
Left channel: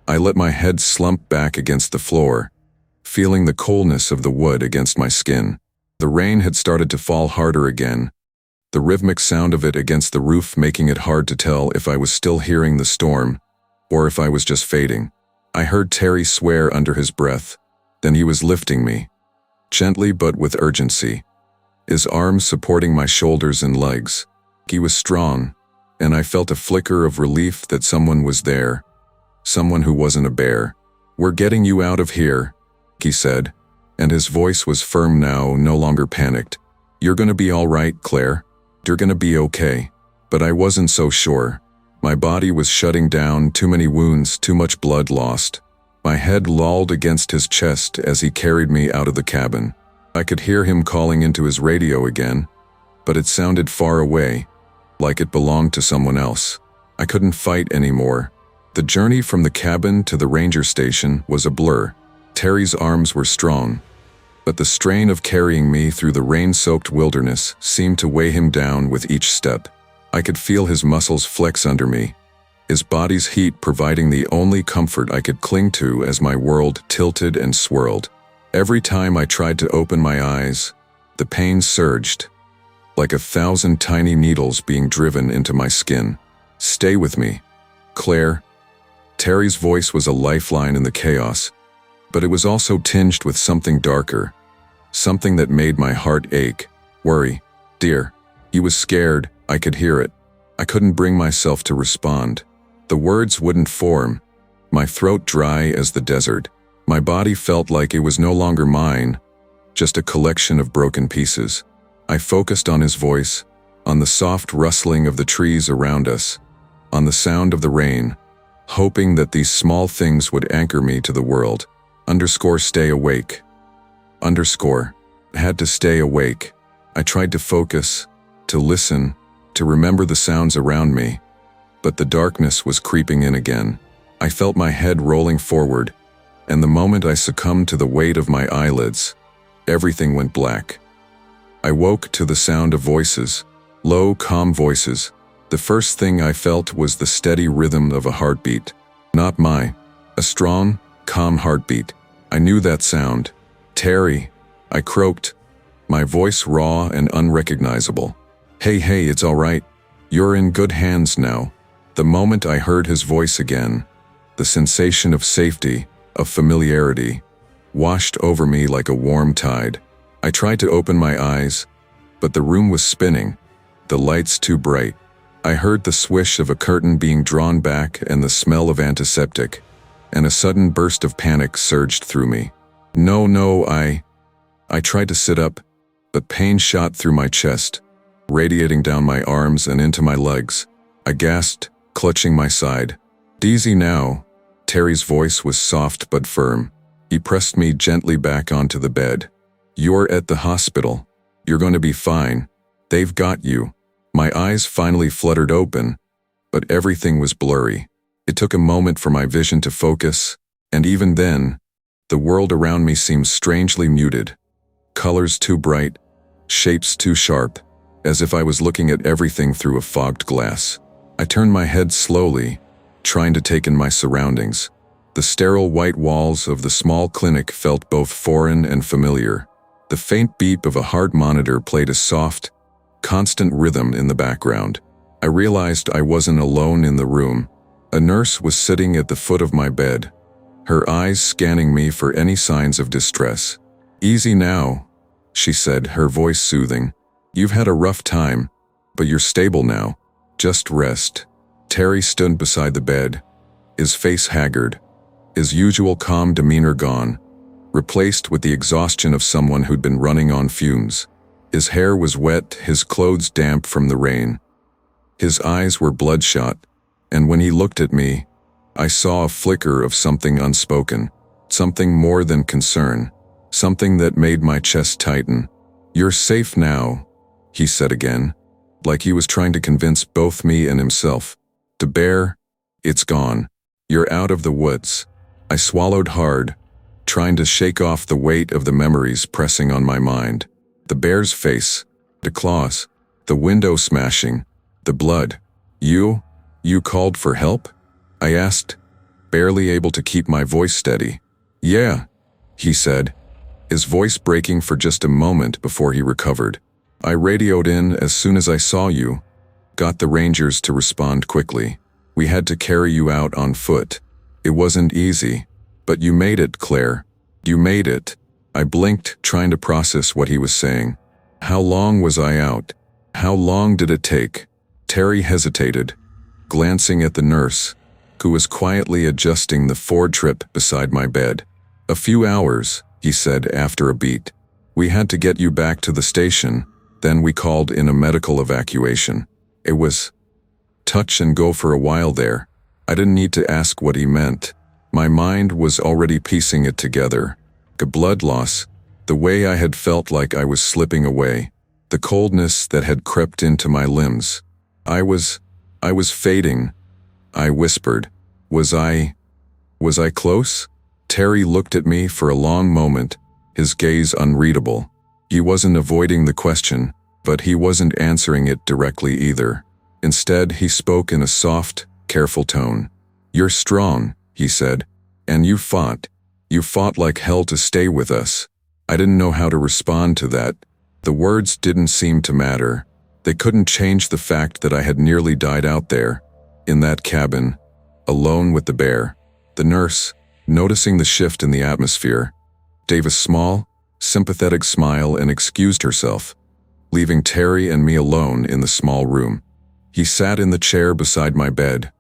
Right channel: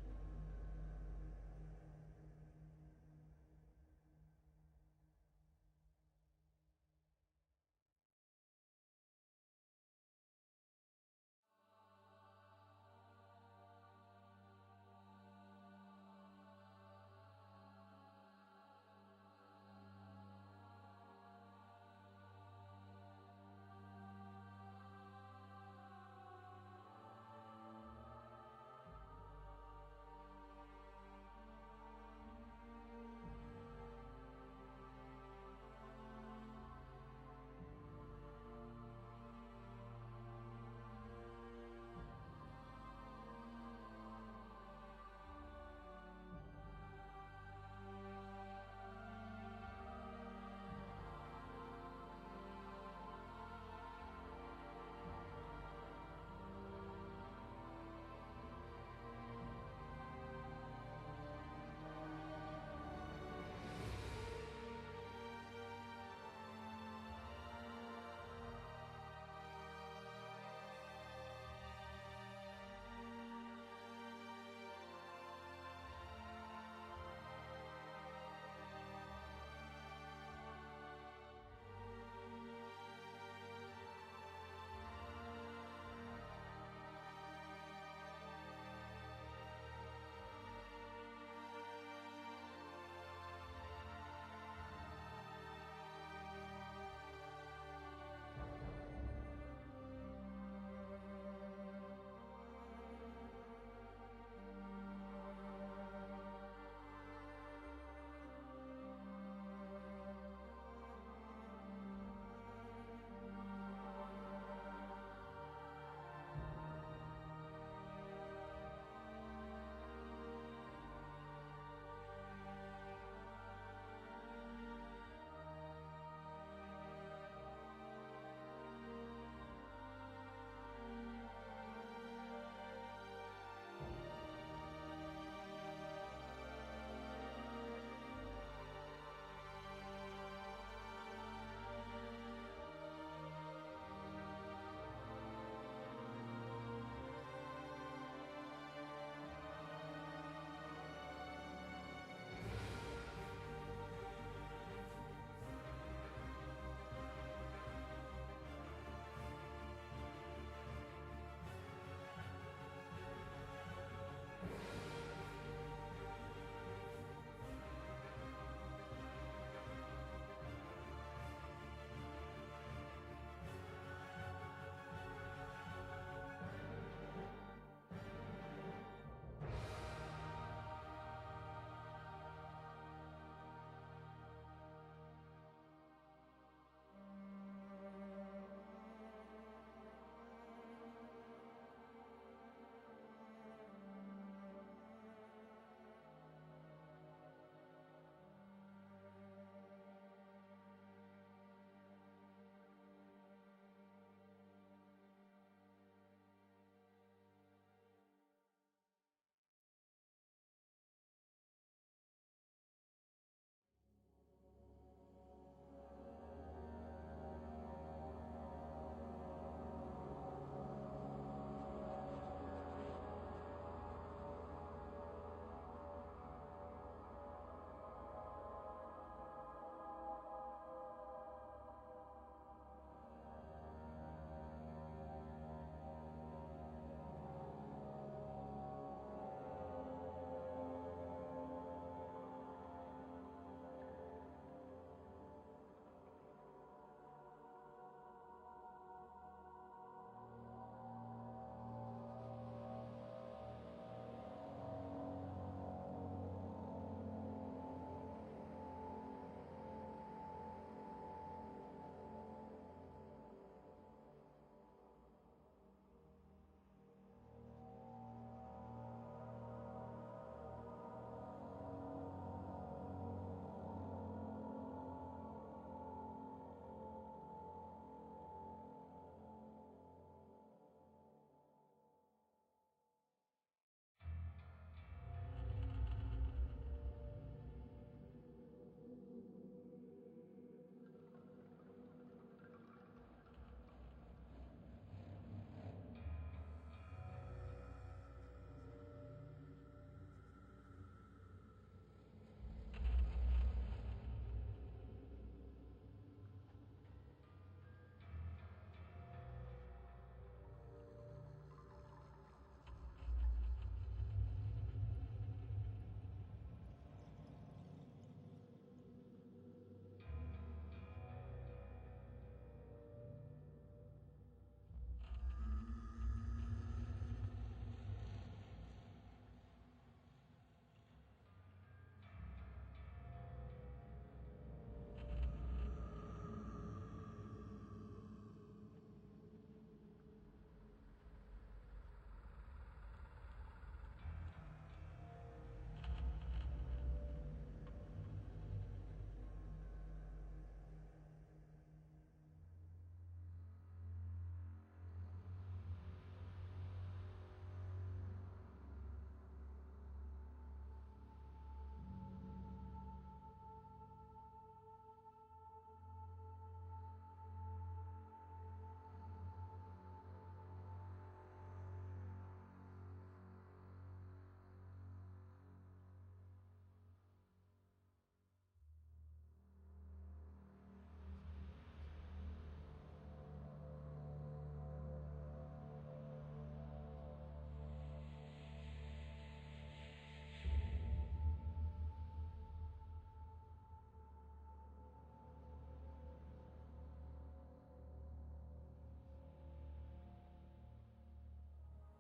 I let my head slump back against the floor, feeling the coldness of the wood against my skin. The rain had started to fall harder again, the rhythmic sound of it against the roof making it hard to tell if I was still hearing the storm or if I was just fading. I heard Terry swear under his breath. Then he was lifting me, gently but with urgency, his arms supporting my shoulders and legs. He was strong, and I felt a flicker of relief that someone was there, someone who wasn't a bear. "We're getting you out of here," he said, and his voice was firm now, no longer panicked. "You're gonna be all right, Claire. You're gonna be okay." But I wasn't so sure. My body was shutting down, too many wounds, too much blood lost. My head lolled against his chest as he carried me out of the cabin. I could hear him calling into his radio again, but it sounded far away, like it belonged to someone else. I couldn't fight anymore. The journey from the cabin to the ranger station was a blur. Terry's arms were strong, but the strain of carrying me through the rain-soaked wilderness seemed to weigh him down with each step. I could feel his muscles flex under me, his body's heat providing the only comfort I could cling to as my world tilted and swirled. Every time I tried to open my eyes, the pain surged, like 1,000 tiny needles being driven into my skin. "Stay with me, Claire." Terry's voice was a lifeline in the chaos, but it was also tinged with something darker, something that made my heart ache. "Worry, dear." He was scared, I could hear it. I couldn't bring myself to respond. The words wouldn't form, my throat dry as the desert. My body felt like it was no longer mine, just a collection of broken pieces. I focused on his voice, on the soft rustling of the trees around us, on the sound of the rain, hoping that these small things would anchor me to the world. Stay awake. I had to stay awake. I tried to focus, to listen, to remember the sounds around me, but the darkness was creeping in again. I felt my head rolling forward, and the moment I succumbed to the weight of my eyelids, everything went black. I woke to the sound of voices, low, calm voices. The first thing I felt was the steady rhythm of a heartbeat. Not mine, a strong, calm heartbeat. I knew that sound. "Terry," I croaked, my voice raw and unrecognizable. Hey, it's all right. You're in good hands now." The moment I heard his voice again, the sensation of safety, of familiarity, washed over me like a warm tide. I tried to open my eyes, but the room was spinning, the lights too bright. I heard the swish of a curtain being drawn back and the smell of antiseptic, and a sudden burst of panic surged through me. No, I tried to sit up, but pain shot through my chest, radiating down my arms and into my legs. I gasped, clutching my side. "Easy now." Terry's voice was soft but firm. He pressed me gently back onto the bed. "You're at the hospital. You're going to be fine. They've got you." My eyes finally fluttered open, but everything was blurry. It took a moment for my vision to focus, and even then, the world around me seemed strangely muted. Colors too bright, shapes too sharp, as if I was looking at everything through a fogged glass. I turned my head slowly, trying to take in my surroundings. The sterile white walls of the small clinic felt both foreign and familiar. The faint beep of a heart monitor played a soft, constant rhythm in the background. I realized I wasn't alone in the room. A nurse was sitting at the foot of my bed, her eyes scanning me for any signs of distress. "Easy now," she said, her voice soothing. "You've had a rough time, but you're stable now. Just rest." Terry stood beside the bed, his face haggard, his usual calm demeanor gone, replaced with the exhaustion of someone who'd been running on fumes. His hair was wet, his clothes damp from the rain. His eyes were bloodshot, and when he looked at me, I saw a flicker of something unspoken, something more than concern, something that made my chest tighten. "You're safe now," he said again, like he was trying to convince both me and himself. "The bear, it's gone. You're out of the woods." I swallowed hard, trying to shake off the weight of the memories pressing on my mind. The bear's face, the claws, the window smashing, the blood. You called for help?" I asked, barely able to keep my voice steady. "Yeah," he said, his voice breaking for just a moment before he recovered. "I radioed in as soon as I saw you, got the Rangers to respond quickly. We had to carry you out on foot. It wasn't easy, but you made it, Claire. You made it." I blinked, trying to process what he was saying. "How long was I out? How long did it take?" Terry hesitated, glancing at the nurse, who was quietly adjusting the Ford trip beside my bed. "A few hours," he said after a beat. "We had to get you back to the station, then we called in a medical evacuation. It was touch and go for a while there." I didn't need to ask what he meant. My mind was already piecing it together. The blood loss, the way I had felt like I was slipping away, the coldness that had crept into my limbs. I was fading. I whispered, Was I close?" Terry looked at me for a long moment, his gaze unreadable. He wasn't avoiding the question, but he wasn't answering it directly either. Instead, he spoke in a soft, careful tone. "You're strong," he said, "and you fought. You fought like hell to stay with us." I didn't know how to respond to that. The words didn't seem to matter. They couldn't change the fact that I had nearly died out there, in that cabin, alone with the bear. The nurse, noticing the shift in the atmosphere, gave a small, sympathetic smile and excused herself, leaving Terry and me alone in the small room. He sat in the chair beside my bed,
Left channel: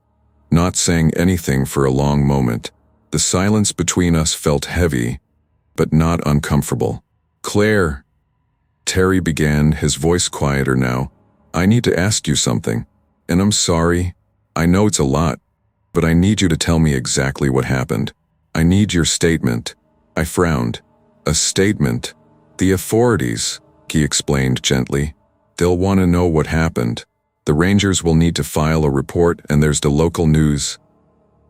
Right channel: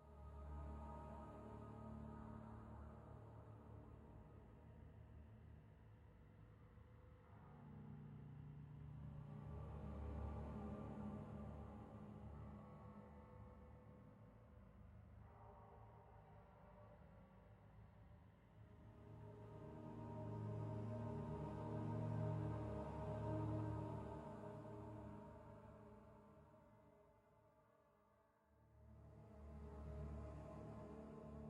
not saying anything for a long moment. The silence between us felt heavy, but not uncomfortable. "Claire," Terry began, his voice quieter now, "I need to ask you something, and I'm sorry. I know it's a lot, but I need you to tell me exactly what happened. I need your statement." I frowned. "A statement? The authorities," he explained gently. "They'll want to know what happened. The Rangers will need to file a report, and there's the local news.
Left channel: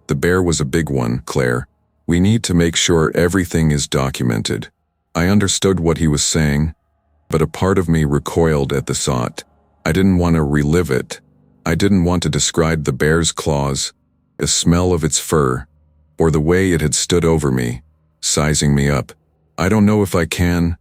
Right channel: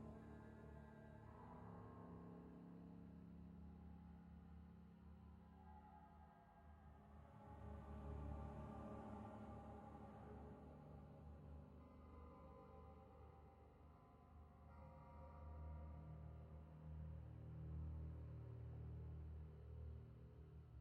The bear was a big one, Claire. We need to make sure everything is documented." I understood what he was saying, but a part of me recoiled at the thought. I didn't want to relive it. I didn't want to describe the bear's claws, the smell of its fur, or the way it had stood over me, sizing me up. "I don't know if I can,"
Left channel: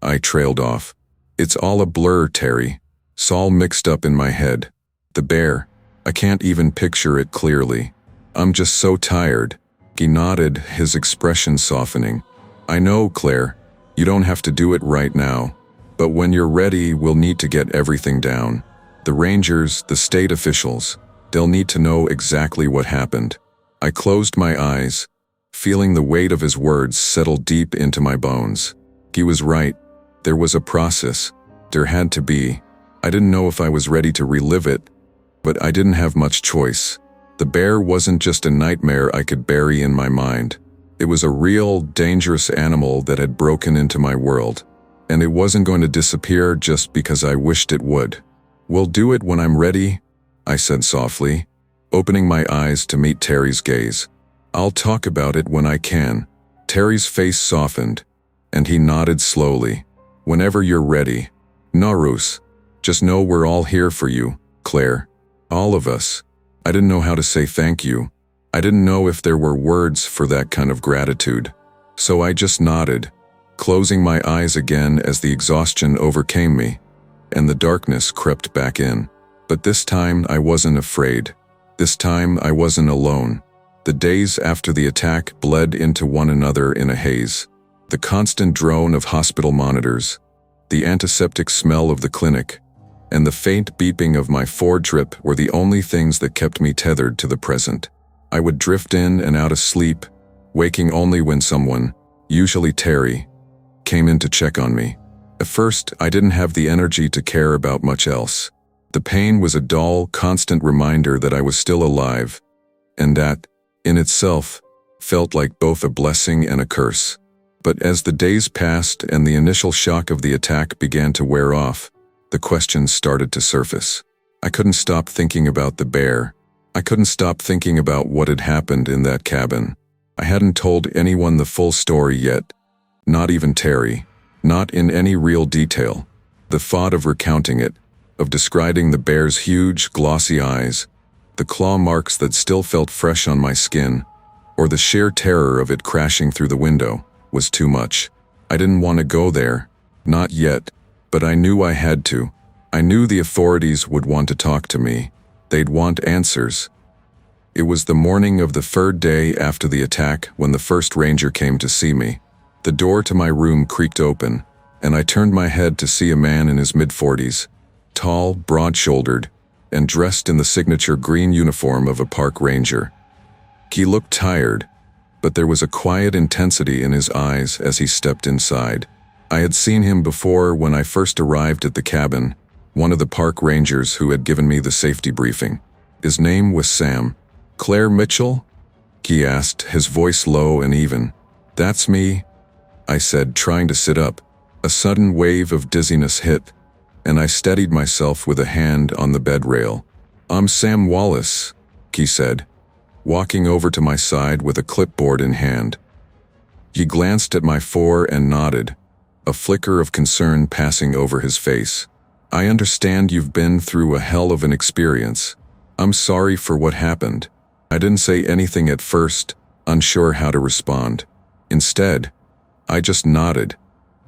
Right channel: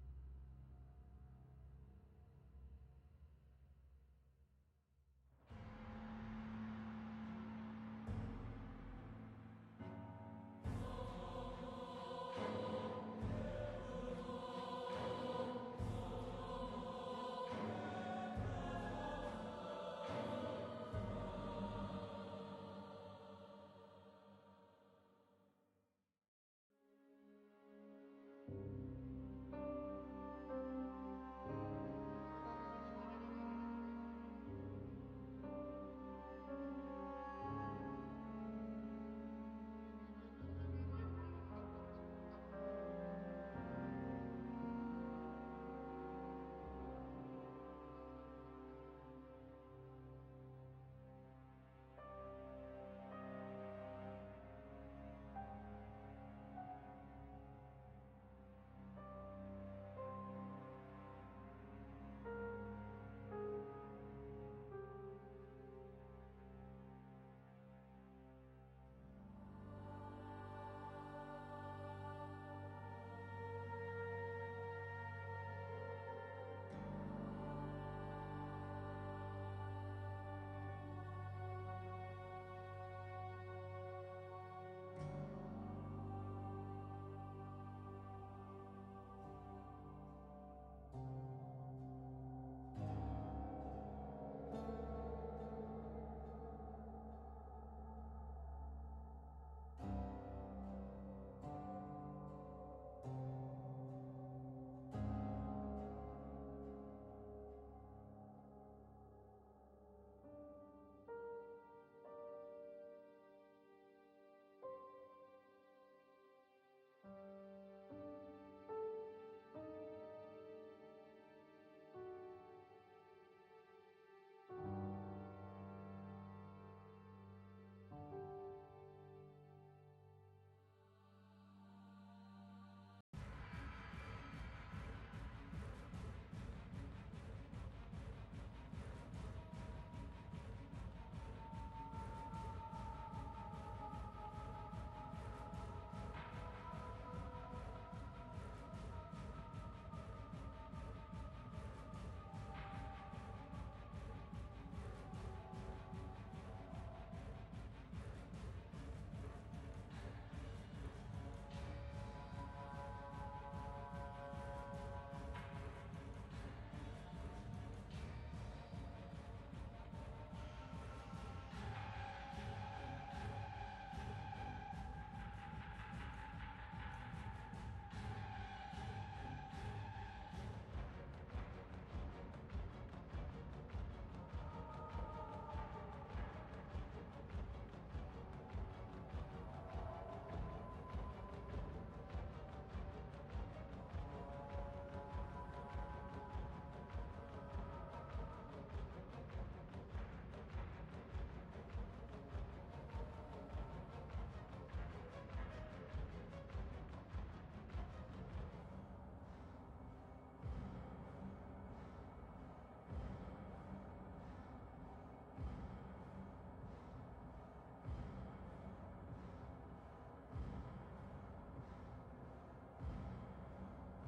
I trailed off. "It's all a blur, Terry. It's all mixed up in my head. The bear, I can't even picture it clearly. I'm just so tired." He nodded, his expression softening. "I know, Claire, you don't have to do it right now, but when you're ready, we'll need to get everything down. The Rangers, the state officials, they'll need to know exactly what happened." I closed my eyes, feeling the weight of his words settle deep into my bones. He was right. There was a process. There had to be. I didn't know if I was ready to relive it, but I didn't have much choice. The bear wasn't just a nightmare I could bury in my mind. It was a real, dangerous animal that had broken into my world, and it wasn't going to disappear just because I wished it would. "We'll do it when I'm ready," I said softly, opening my eyes to meet Terry's gaze. "I'll talk about it when I can." Terry's face softened, and he nodded slowly. "Whenever you're ready. Narus, just know we're all here for you, Claire. All of us." I didn't know how to say thank you. I didn't know if there were words for that kind of gratitude. So I just nodded, closing my eyes again as the exhaustion overcame me, and the darkness crept back in. But this time I wasn't afraid. This time I wasn't alone. The days after the attack bled into one another in a haze. The constant drone of hospital monitors, the antiseptic smell of the clinic, and the faint beeping of my Ford trip were the only things that kept me tethered to the present. I would drift in and out of sleep, waking only when someone, usually Terry, came in to check on me. At first, I didn't have the energy to care about much else. The pain was a dull, constant reminder that I was still alive, and that, in itself, felt like both a blessing and a curse. But as the days passed and the initial shock of the attack began to wear off, the questions started to surface. I couldn't stop thinking about the bear. I couldn't stop thinking about what had happened in that cabin. I hadn't told anyone the full story yet, not even Terry, not in any real detail. The thought of recounting it, of describing the bear's huge, glossy eyes, the claw marks that still felt fresh on my skin, or the sheer terror of it crashing through the window, was too much. I didn't want to go there, not yet, but I knew I had to. I knew the authorities would want to talk to me. They'd want answers. It was the morning of the third day after the attack when the first ranger came to see me. The door to my room creaked open, and I turned my head to see a man in his mid-40s, tall, broad-shouldered, and dressed in the signature green uniform of a park ranger. He looked tired, but there was a quiet intensity in his eyes as he stepped inside. I had seen him before when I first arrived at the cabin, one of the park rangers who had given me the safety briefing. His name was Sam. "Claire Mitchell?" he asked, his voice low and even. "That's me," I said, trying to sit up. A sudden wave of dizziness hit, and I steadied myself with a hand on the bed rail. "I'm Sam Wallace," he said, walking over to my side with a clipboard in hand. He glanced at my fore and nodded, a flicker of concern passing over his face. "I understand you've been through a hell of an experience. I'm sorry for what happened." I didn't say anything at first, unsure how to respond. Instead, I just nodded,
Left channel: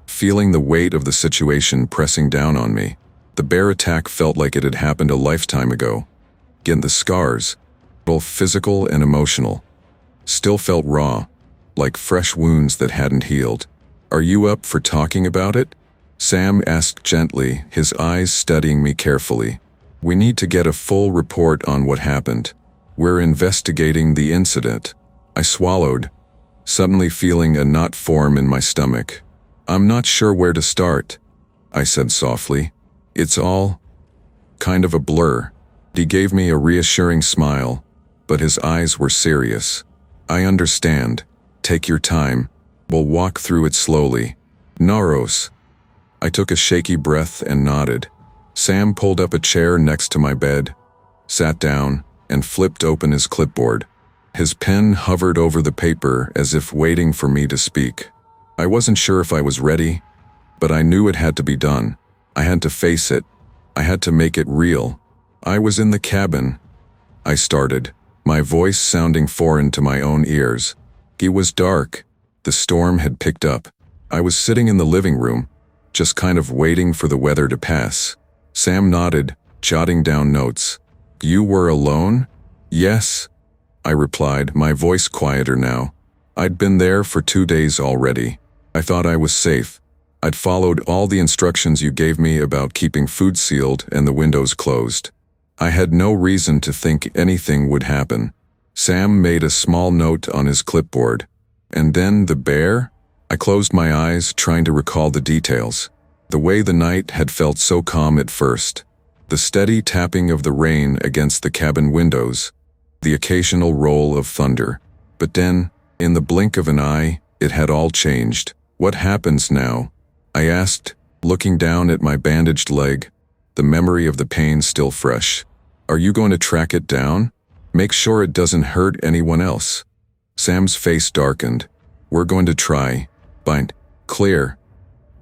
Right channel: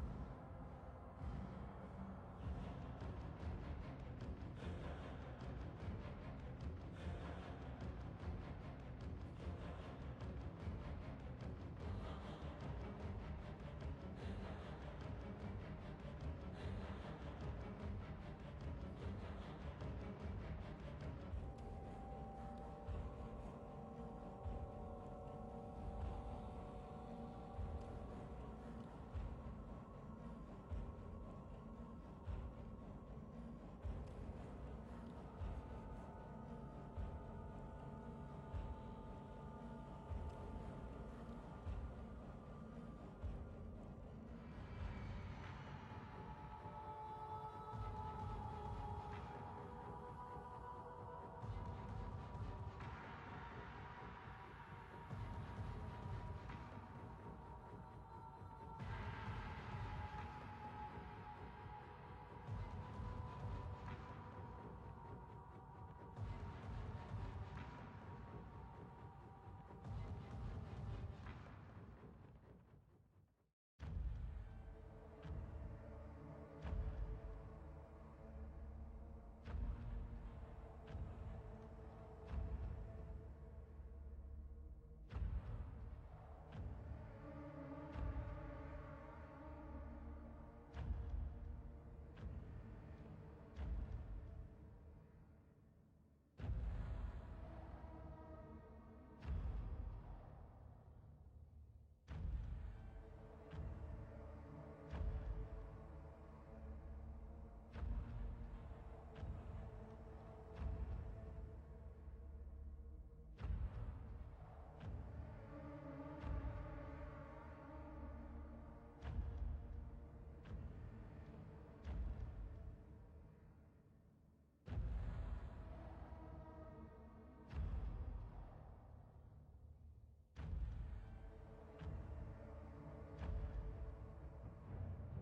feeling the weight of the situation pressing down on me. The bear attack felt like it had happened a lifetime ago. Again, the scars, both physical and emotional, still felt raw, like fresh wounds that hadn't healed. "Are you up for talking about it?" Sam asked gently, his eyes studying me carefully. "We need to get a full report on what happened. We're investigating the incident." I swallowed, suddenly feeling a knot form in my stomach. "I'm not sure where to start," I said softly. "It's all kind of a blur." He gave me a reassuring smile, but his eyes were serious. "I understand. Take your time. We'll walk through it slowly." "Naros." I took a shaky breath and nodded. Sam pulled up a chair next to my bed, sat down, and flipped open his clipboard. His pen hovered over the paper as if waiting for me to speak. I wasn't sure if I was ready, but I knew it had to be done. I had to face it. I had to make it real. "I was in the cabin," I started, my voice sounding foreign to my own ears. It was dark. The storm had picked up. I was sitting in the living room, just kind of waiting for the weather to pass. Sam nodded, jotting down notes. "You were alone?" "Yes," I replied, my voice quieter now. "I'd been there for 2 days already. I thought I was safe. I'd followed all the instructions you gave me about keeping food sealed and the windows closed. I had no reason to think anything would happen." Sam made a small note on his clipboard. "And then the bear?" I closed my eyes, trying to recall the details. The way the night had felt so calm at first. The steady tapping of the rain against the cabin windows, the occasional roll of thunder. But then, in the blink of an eye, it had all changed. "What happens now?" I asked, looking down at my bandaged leg, the memory of the pain still fresh. "Are you going to track it down? Make sure it doesn't hurt anyone else?" Sam's face darkened. "We're going to try. Find Claire.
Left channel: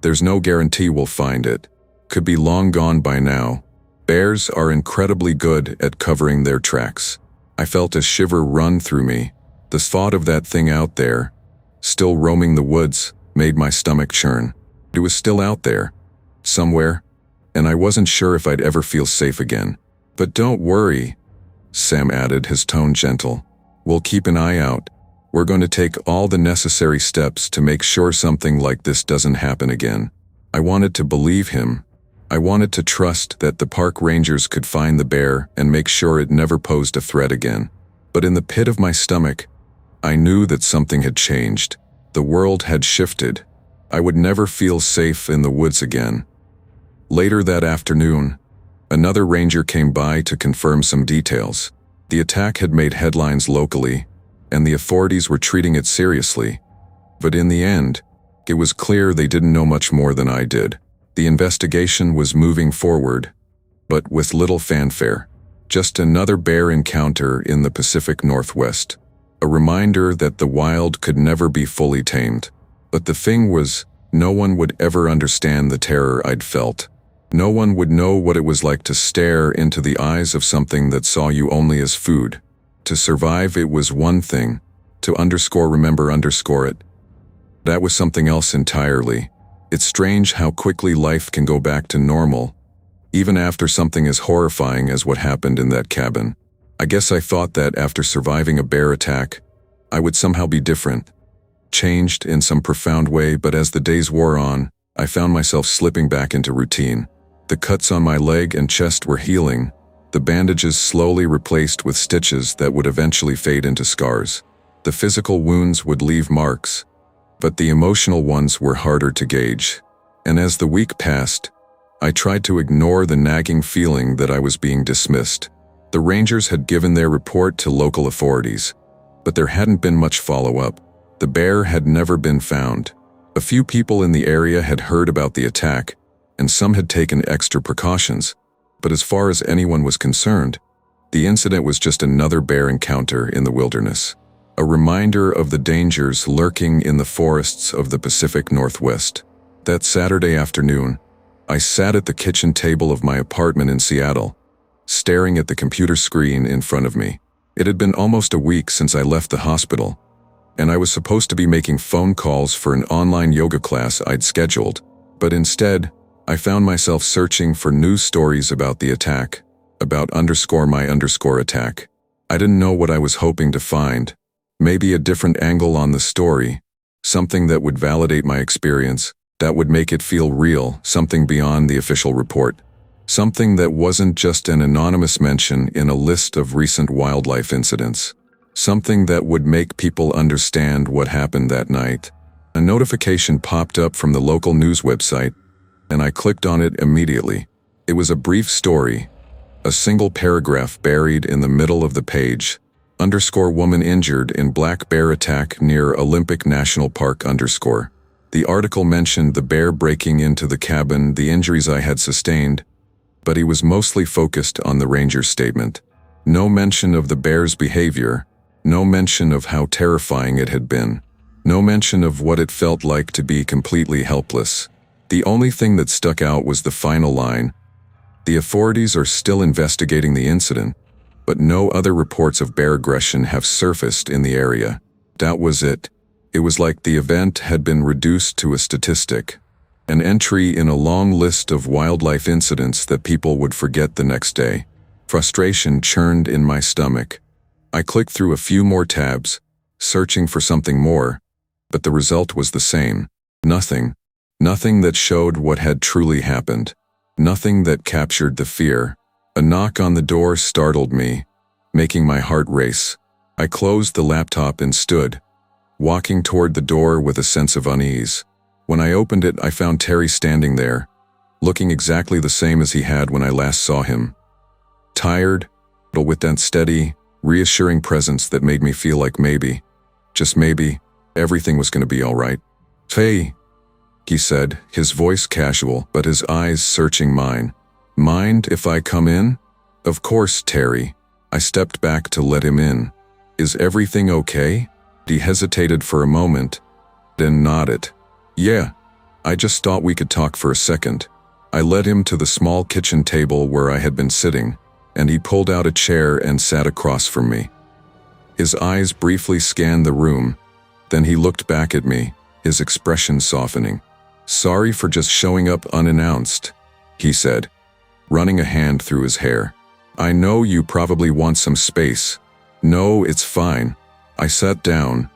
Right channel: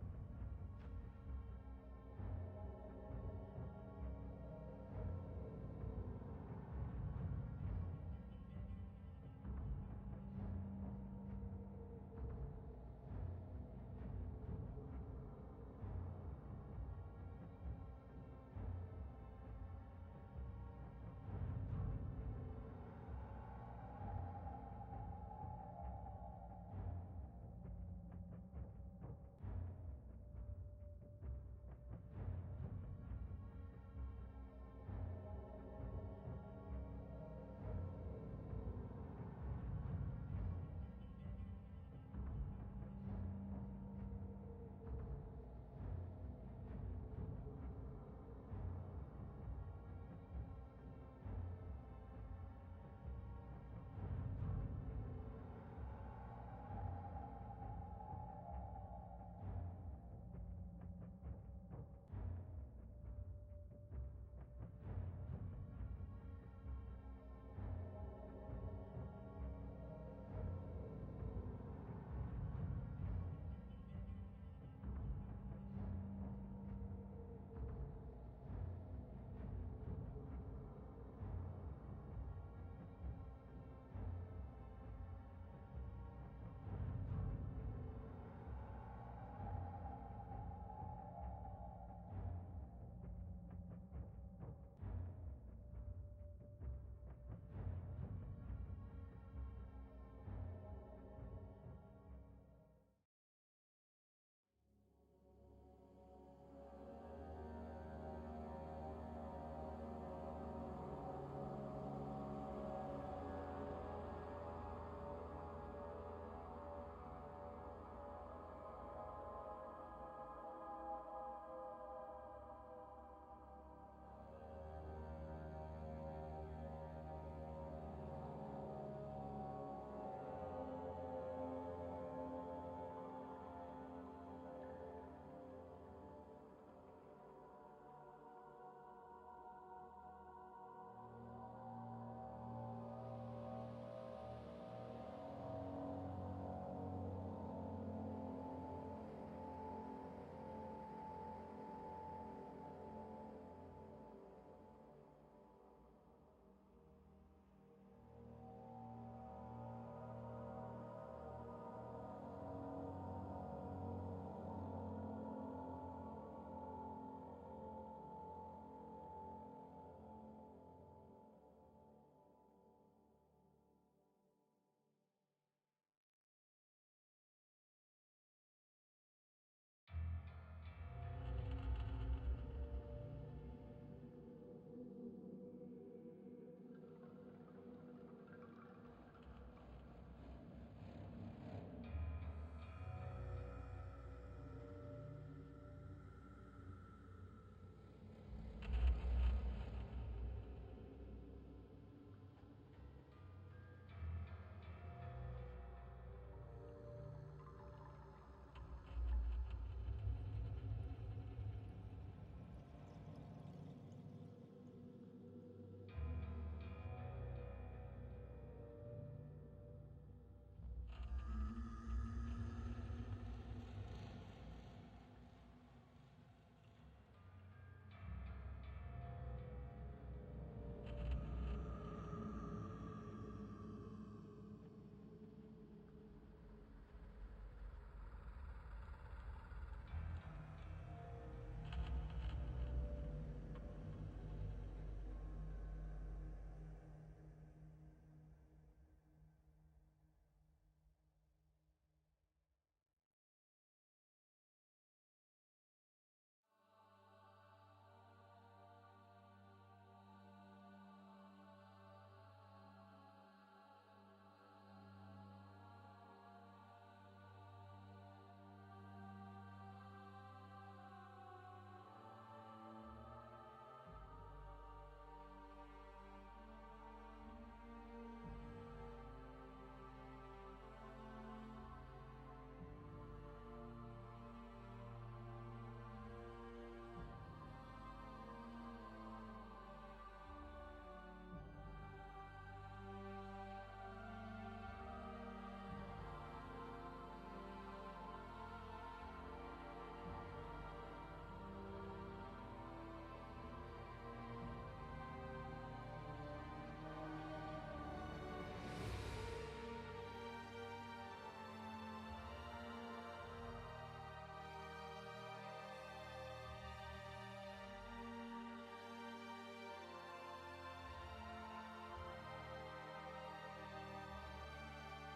There's no guarantee we'll find it. Could be long gone by now. Bears are incredibly good at covering their tracks." I felt a shiver run through me. The thought of that thing out there, still roaming the woods, made my stomach churn. It was still out there, somewhere, and I wasn't sure if I'd ever feel safe again. "But don't worry," Sam added, his tone gentle. "We'll keep an eye out. We're going to take all the necessary steps to make sure something like this doesn't happen again." I wanted to believe him. I wanted to trust that the park rangers could find the bear and make sure it never posed a threat again. But in the pit of my stomach, I knew that something had changed. The world had shifted. I would never feel safe in the woods again. Later that afternoon, another ranger came by to confirm some details. The attack had made headlines locally, and the authorities were treating it seriously. But in the end, it was clear they didn't know much more than I did. The investigation was moving forward, but with little fanfare. Just another bear encounter in the Pacific Northwest. A reminder that the wild could never be fully tamed. But the thing was, no one would ever understand the terror I'd felt. No one would know what it was like to stare into the eyes of something that saw you only as food. To survive, it was one thing. To remember it. That was something else entirely. It's strange how quickly life can go back to normal, even after something as horrifying as what happened in that cabin. I guess I thought that after surviving a bear attack, I would somehow be different. Changed in some profound way, but as the days wore on, I found myself slipping back into routine. The cuts on my leg and chest were healing, the bandages slowly replaced with stitches that would eventually fade into scars. The physical wounds would leave marks, but the emotional ones were harder to gauge. And as the week passed, I tried to ignore the nagging feeling that I was being dismissed. The rangers had given their report to local authorities, but there hadn't been much follow-up. The bear had never been found. A few people in the area had heard about the attack, and some had taken extra precautions, but as far as anyone was concerned, the incident was just another bear encounter in the wilderness. A reminder of the dangers lurking in the forests of the Pacific Northwest. That Saturday afternoon, I sat at the kitchen table of my apartment in Seattle, staring at the computer screen in front of me. It had been almost a week since I left the hospital, and I was supposed to be making phone calls for an online yoga class I'd scheduled, but instead, I found myself searching for news stories about the attack, about my attack. I didn't know what I was hoping to find. Maybe a different angle on the story, something that would validate my experience, that would make it feel real, something beyond the official report. Something that wasn't just an anonymous mention in a list of recent wildlife incidents. Something that would make people understand what happened that night. A notification popped up from the local news website, and I clicked on it immediately. It was a brief story, a single paragraph buried in the middle of the page. _woman injured in black bear attack near Olympic National Park _. The article mentioned the bear breaking into the cabin, the injuries I had sustained, but he was mostly focused on the ranger's statement. No mention of the bear's behavior, no mention of how terrifying it had been, no mention of what it felt like to be completely helpless. The only thing that stuck out was the final line. The authorities are still investigating the incident, but no other reports of bear aggression have surfaced in the area. That was it. It was like the event had been reduced to a statistic, an entry in a long list of wildlife incidents that people would forget the next day. Frustration churned in my stomach. I clicked through a few more tabs, searching for something more, but the result was the same. Nothing. Nothing that showed what had truly happened. Nothing that captured the fear. A knock on the door startled me, making my heart race. I closed the laptop and stood, walking toward the door with a sense of unease. When I opened it, I found Terry standing there, looking exactly the same as he had when I last saw him. Tired, but with that steady, reassuring presence that made me feel like maybe, just maybe, everything was going to be all right. "Hey," he said, his voice casual, but his eyes searching mine. "Mind if I come in?" "Of course, Terry." I stepped back to let him in. "Is everything okay?" He hesitated for a moment, then nodded. "Yeah, I just thought we could talk for a second." I led him to the small kitchen table where I had been sitting, and he pulled out a chair and sat across from me. His eyes briefly scanned the room, then he looked back at me, his expression softening. "Sorry for just showing up unannounced," he said, running a hand through his hair. "I know you probably want some space." "No, it's fine." I sat down,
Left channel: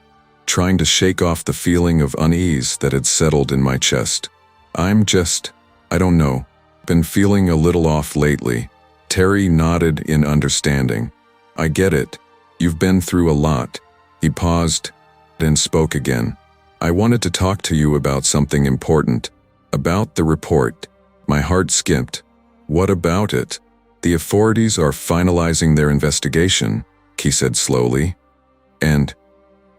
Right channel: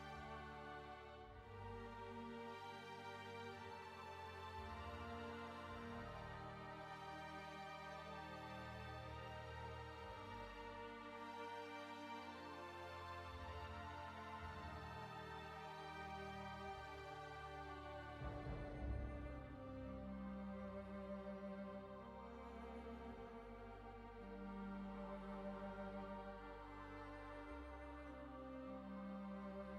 trying to shake off the feeling of unease that had settled in my chest. I don't know, been feeling a little off lately." Terry nodded in understanding. "I get it. You've been through a lot." He paused, then spoke again. "I wanted to talk to you about something important. About the report." My heart skipped. "What about it?" "The authorities are finalizing their investigation," he said slowly. "And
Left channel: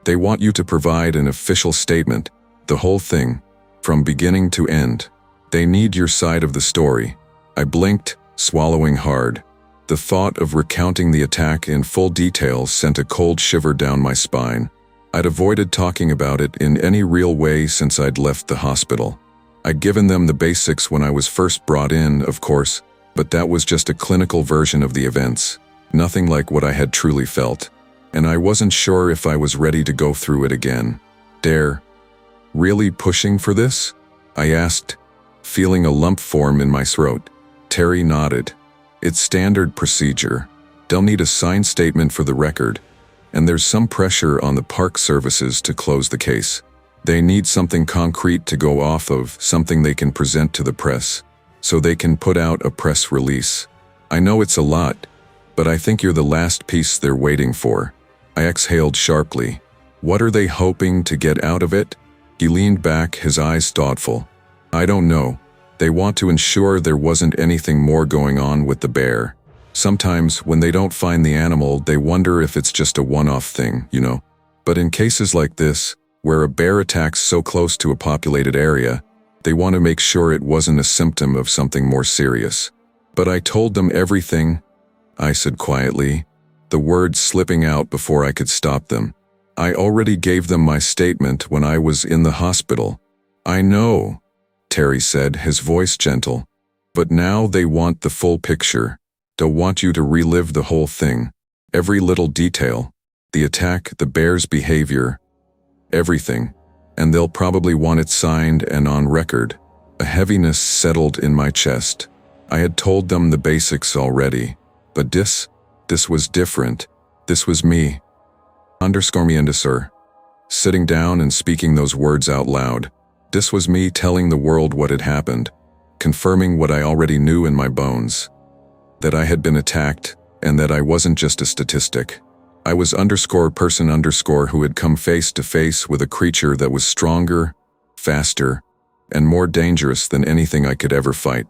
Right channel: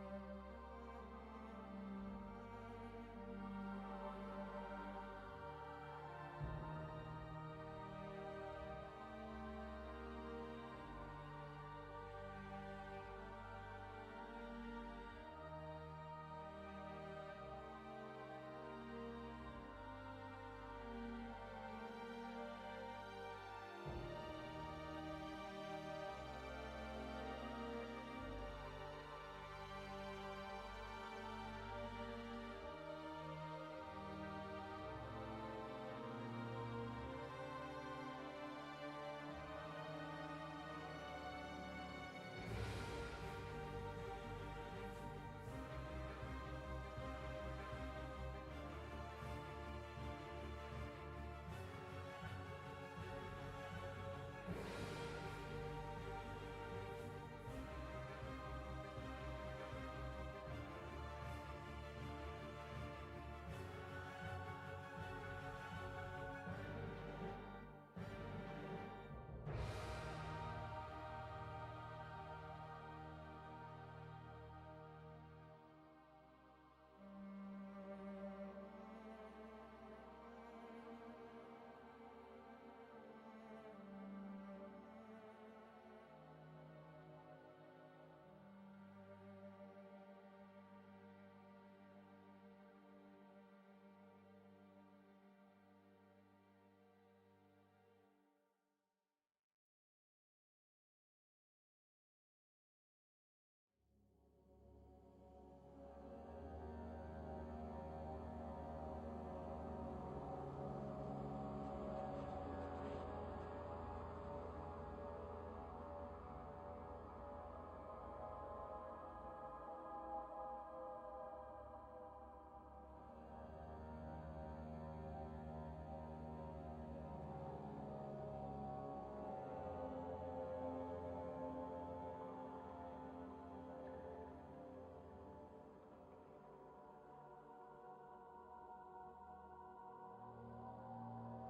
they want you to provide an official statement, the whole thing, from beginning to end. They need your side of the story." I blinked, swallowing hard. The thought of recounting the attack in full detail sent a cold shiver down my spine. I'd avoided talking about it in any real way since I'd left the hospital. I'd given them the basics when I was first brought in, of course, but that was just a clinical version of the events, nothing like what I had truly felt. And I wasn't sure if I was ready to go through it again. "Dare, really pushing for this?" I asked, feeling a lump form in my throat. Terry nodded. "It's standard procedure. They'll need a signed statement for the record, and there's some pressure on the park services to close the case. They need something concrete to go off of, something they can present to the press, so they can put out a press release. I know it's a lot, but I think you're the last piece they're waiting for." I exhaled sharply. "What are they hoping to get out of it?" He leaned back, his eyes thoughtful. "I don't know. They want to ensure there wasn't anything more going on with the bear. Sometimes, when they don't find the animal, they wonder if it's just a one-off thing, you know? But in cases like this, where a bear attacks so close to a populated area, they want to make sure it wasn't a symptom of something more serious." "But I told them everything," I said quietly, the words slipping out before I could stop them. "I already gave them my statement when I was in the hospital." "I know," Terry said, his voice gentle. "But now they want the full picture. They'll want you to relive the whole thing. Every little detail. The attack, the bear's behavior. Everything. And they'll probably want it signed and on record." A heaviness settled in my chest. I had told them the basics already. But this was different. This was me. _me, sir. Sitting down and speaking those words out loud. This was me telling the world what had happened, confirming what I already knew in my bones. That I had been attacked, and that I wasn't just a statistic. I was _person_ who had come face to face with a creature that was stronger, faster, and more dangerous than anything I could ever fight.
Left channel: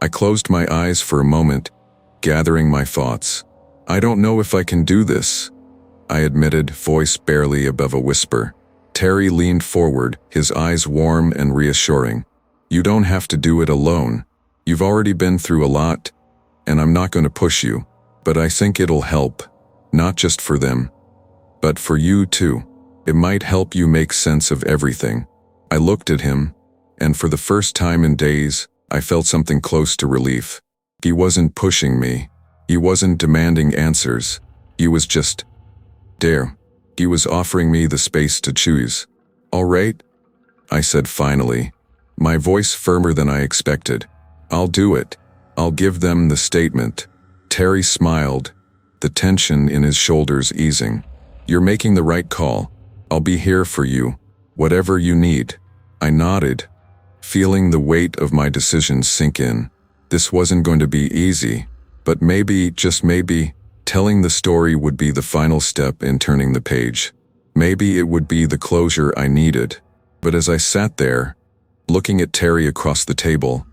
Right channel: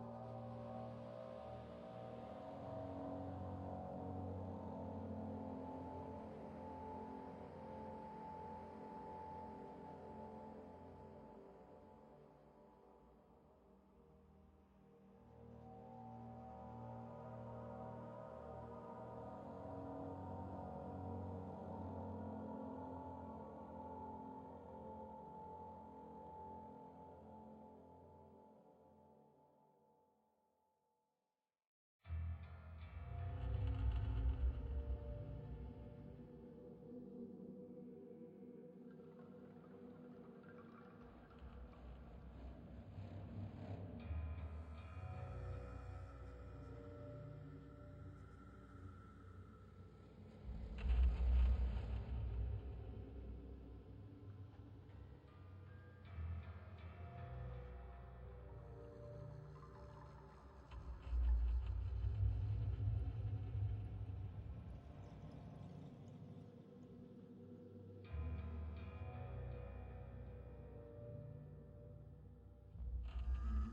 I closed my eyes for a moment, gathering my thoughts. "I don't know if I can do this," I admitted, voice barely above a whisper. Terry leaned forward, his eyes warm and reassuring. "You don't have to do it alone. You've already been through a lot, and I'm not going to push you. But I think it'll help, not just for them, but for you too. It might help you make sense of everything." I looked at him, and for the first time in days, I felt something close to relief. He wasn't pushing me. He wasn't demanding answers. He was just there. He was offering me the space to choose. "All right," I said finally, my voice firmer than I expected. "I'll do it. I'll give them the statement." Terry smiled, the tension in his shoulders easing. "You're making the right call. I'll be here for you, whatever you need." I nodded, feeling the weight of my decision sink in. This wasn't going to be easy, but maybe, just maybe, telling the story would be the final step in turning the page. Maybe it would be the closure I needed. But as I sat there, looking at Terry across the table,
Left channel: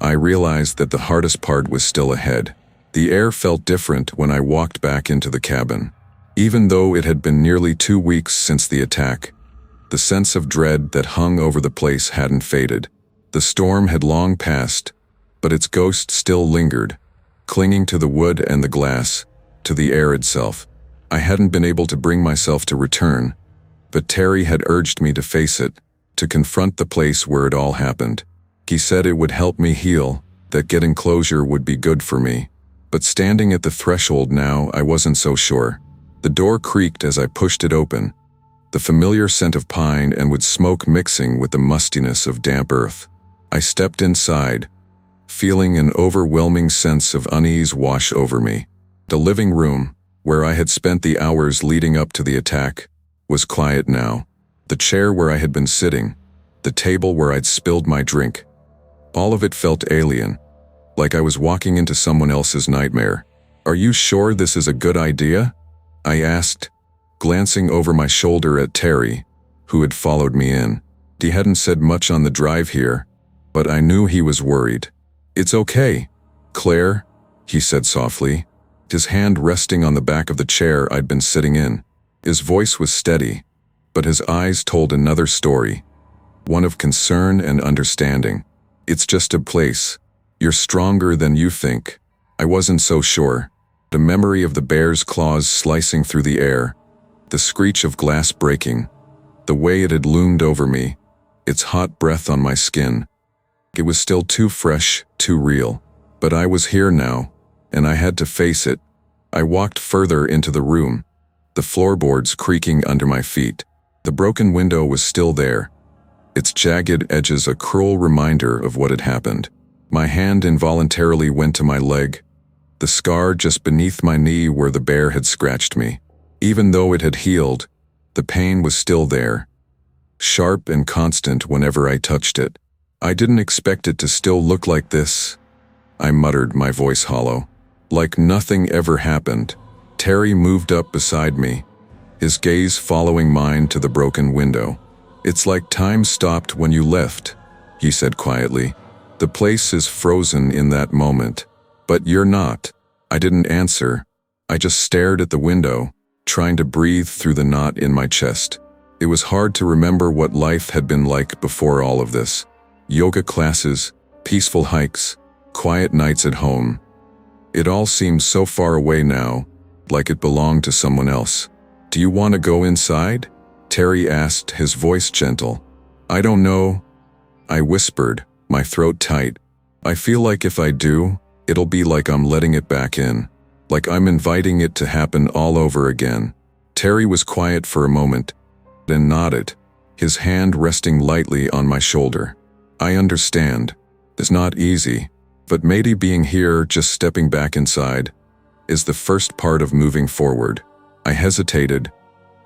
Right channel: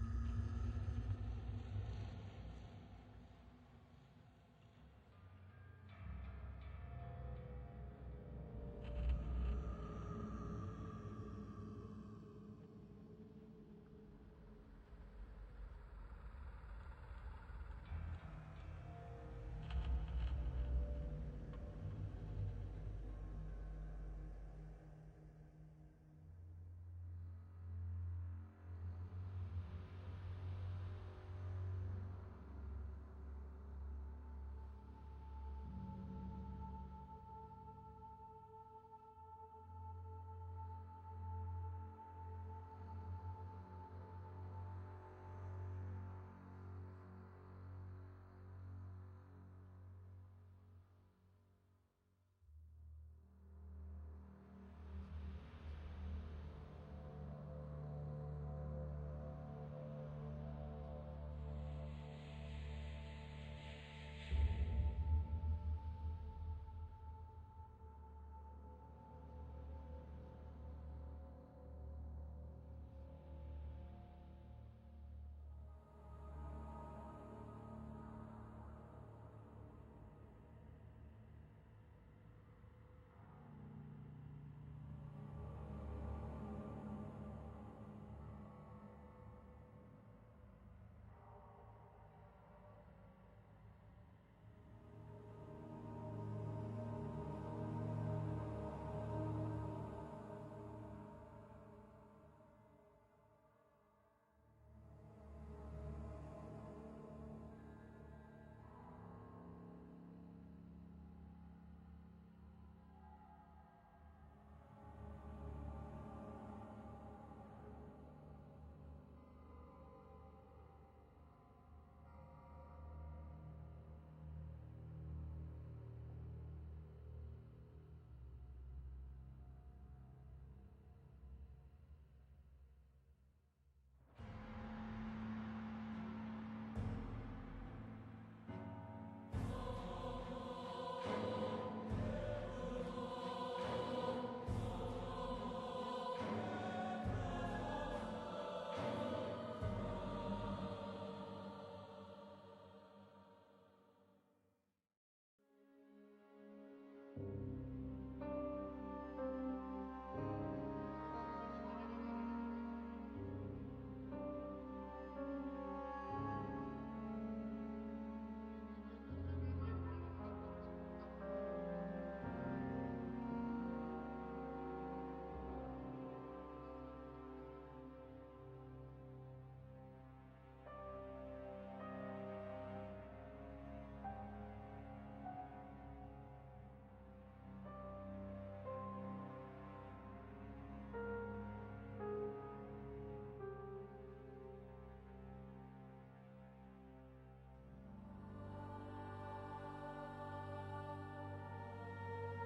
I realized that the hardest part was still ahead. The air felt different when I walked back into the cabin. Even though it had been nearly 2 weeks since the attack, the sense of dread that hung over the place hadn't faded. The storm had long passed, but its ghost still lingered, clinging to the wood and the glass, to the air itself. I hadn't been able to bring myself to return, but Terry had urged me to face it, to confront the place where it all happened. He said it would help me heal, that getting closure would be good for me. But standing at the threshold now, I wasn't so sure. The door creaked as I pushed it open, the familiar scent of pine and wood smoke mixing with the mustiness of damp earth. I stepped inside, feeling an overwhelming sense of unease wash over me. The living room, where I had spent the hours leading up to the attack, was quiet now. The chair where I had been sitting, the table where I'd spilled my drink, all of it felt alien, like I was walking into someone else's nightmare. "Are you sure this is a good idea?" I asked, glancing over my shoulder at Terry, who had followed me in. He hadn't said much on the drive here, but I knew he was worried. "It's okay, Claire," he said softly, his hand resting on the back of the chair I'd been sitting in. His voice was steady, but his eyes told another story, one of concern and understanding. "It's just a place. You're stronger than you think." I wasn't so sure. The memory of the bear's claws slicing through the air, the screech of glass breaking, the way it had loomed over me, its hot breath on my skin. It was still too fresh, too real. But I was here now, and I had to face it. I walked further into the room, the floorboards creaking under my feet. The broken window was still there, its jagged edges a cruel reminder of what had happened. My hand involuntarily went to my leg, the scar just beneath my knee where the bear had scratched me. Even though it had healed, the pain was still there, sharp and constant whenever I touched it. "I didn't expect it to still look like this," I muttered, my voice hollow. Like nothing ever happened. Terry moved up beside me, his gaze following mine to the broken window. "It's like time stopped when you left," he said quietly. "The place is frozen in that moment. But you're not." I didn't answer. I just stared at the window, trying to breathe through the knot in my chest. It was hard to remember what life had been like before all of this. Yoga classes, peaceful hikes, quiet nights at home. It all seemed so far away now, like it belonged to someone else. "Do you want to go inside?" Terry asked, his voice gentle. "I don't know," I whispered, my throat tight. "I feel like if I do, it'll be like I'm letting it back in, like I'm inviting it to happen all over again." Terry was quiet for a moment, then nodded, his hand resting lightly on my shoulder. "I understand. It's not easy, but maybe being here, just stepping back inside, is the first part of moving forward." I hesitated,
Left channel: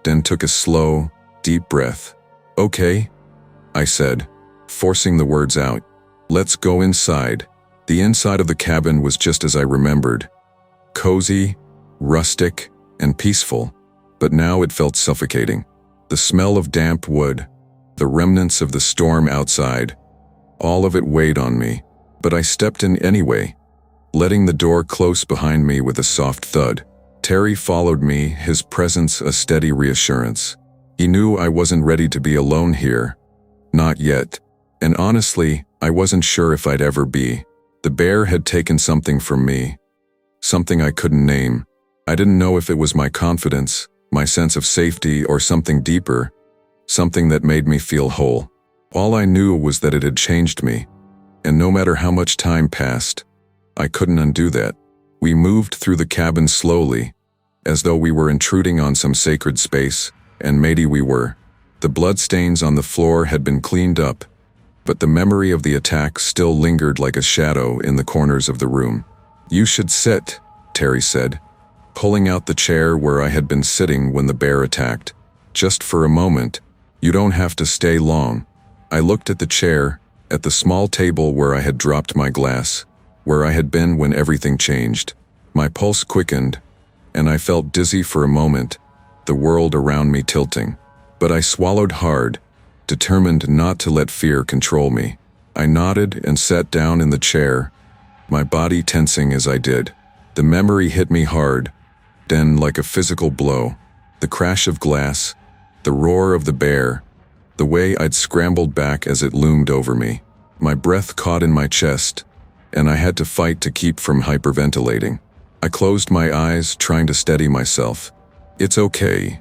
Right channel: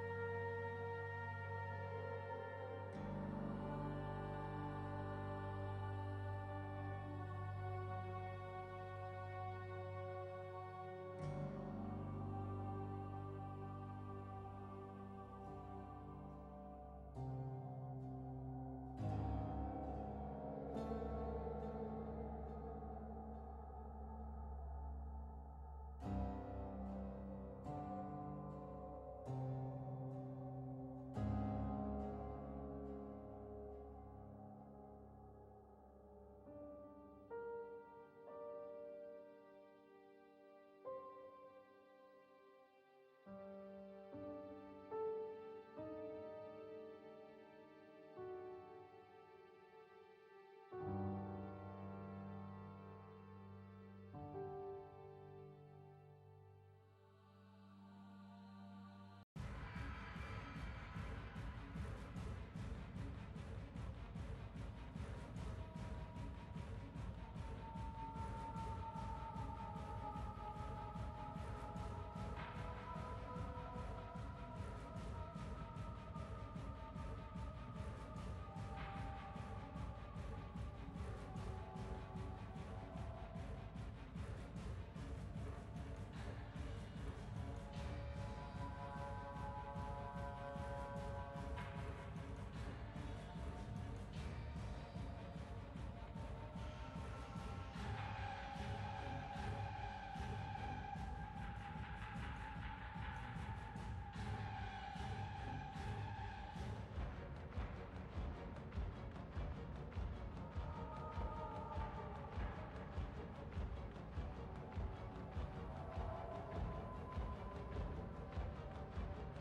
then took a slow, deep breath. "Okay," I said, forcing the words out. "Let's go inside." The inside of the cabin was just as I remembered. Cozy, rustic, and peaceful, but now it felt suffocating. The smell of damp wood, the remnants of the storm outside, all of it weighed on me, but I stepped in anyway, letting the door close behind me with a soft thud. Terry followed me, his presence a steady reassurance. He knew I wasn't ready to be alone here. Not yet. And honestly, I wasn't sure if I'd ever be. The bear had taken something from me, something I couldn't name. I didn't know if it was my confidence, my sense of safety, or something deeper, something that made me feel whole. All I knew was that it had changed me, and no matter how much time passed, I couldn't undo that. We moved through the cabin slowly, as though we were intruding on some sacred space, and maybe we were. The bloodstains on the floor had been cleaned up, but the memory of the attack still lingered like a shadow in the corners of the room. "You should sit," Terry said, pulling out the chair where I had been sitting when the bear attacked. "Just for a moment. You don't have to stay long." I looked at the chair, at the small table where I had dropped my glass, where I had been when everything changed. My pulse quickened, and I felt dizzy for a moment, the world around me tilting. But I swallowed hard, determined not to let fear control me. I nodded and sat down in the chair, my body tensing as I did. The memory hit me hard, then like a physical blow. The crash of glass, the roar of the bear, the way I'd scrambled back as it loomed over me. My breath caught in my chest, and I had to fight to keep from hyperventilating. I closed my eyes, trying to steady myself. "It's okay,"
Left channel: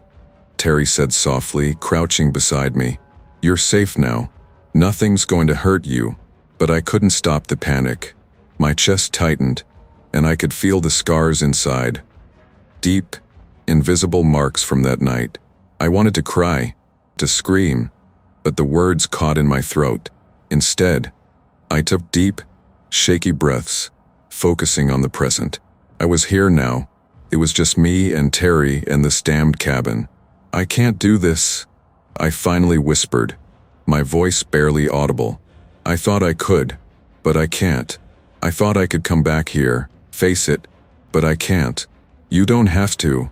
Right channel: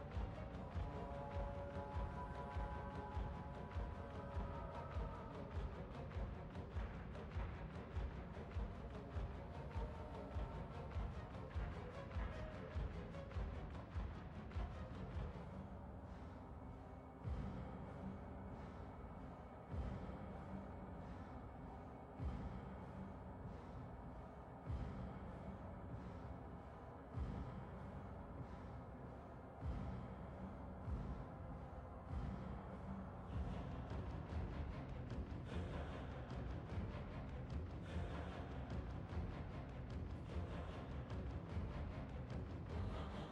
Terry said softly, crouching beside me. "You're safe now. Nothing's going to hurt you." But I couldn't stop the panic. My chest tightened, and I could feel the scars inside. Deep, invisible marks from that night. I wanted to cry, to scream, but the words caught in my throat. Instead, I took deep, shaky breaths, focusing on the present. I was here now. It was just me and Terry and this damned cabin. "I can't do this," I finally whispered, my voice barely audible. "I thought I could, but I can't. I thought I could come back here, face it, but I can't." "You don't have to,"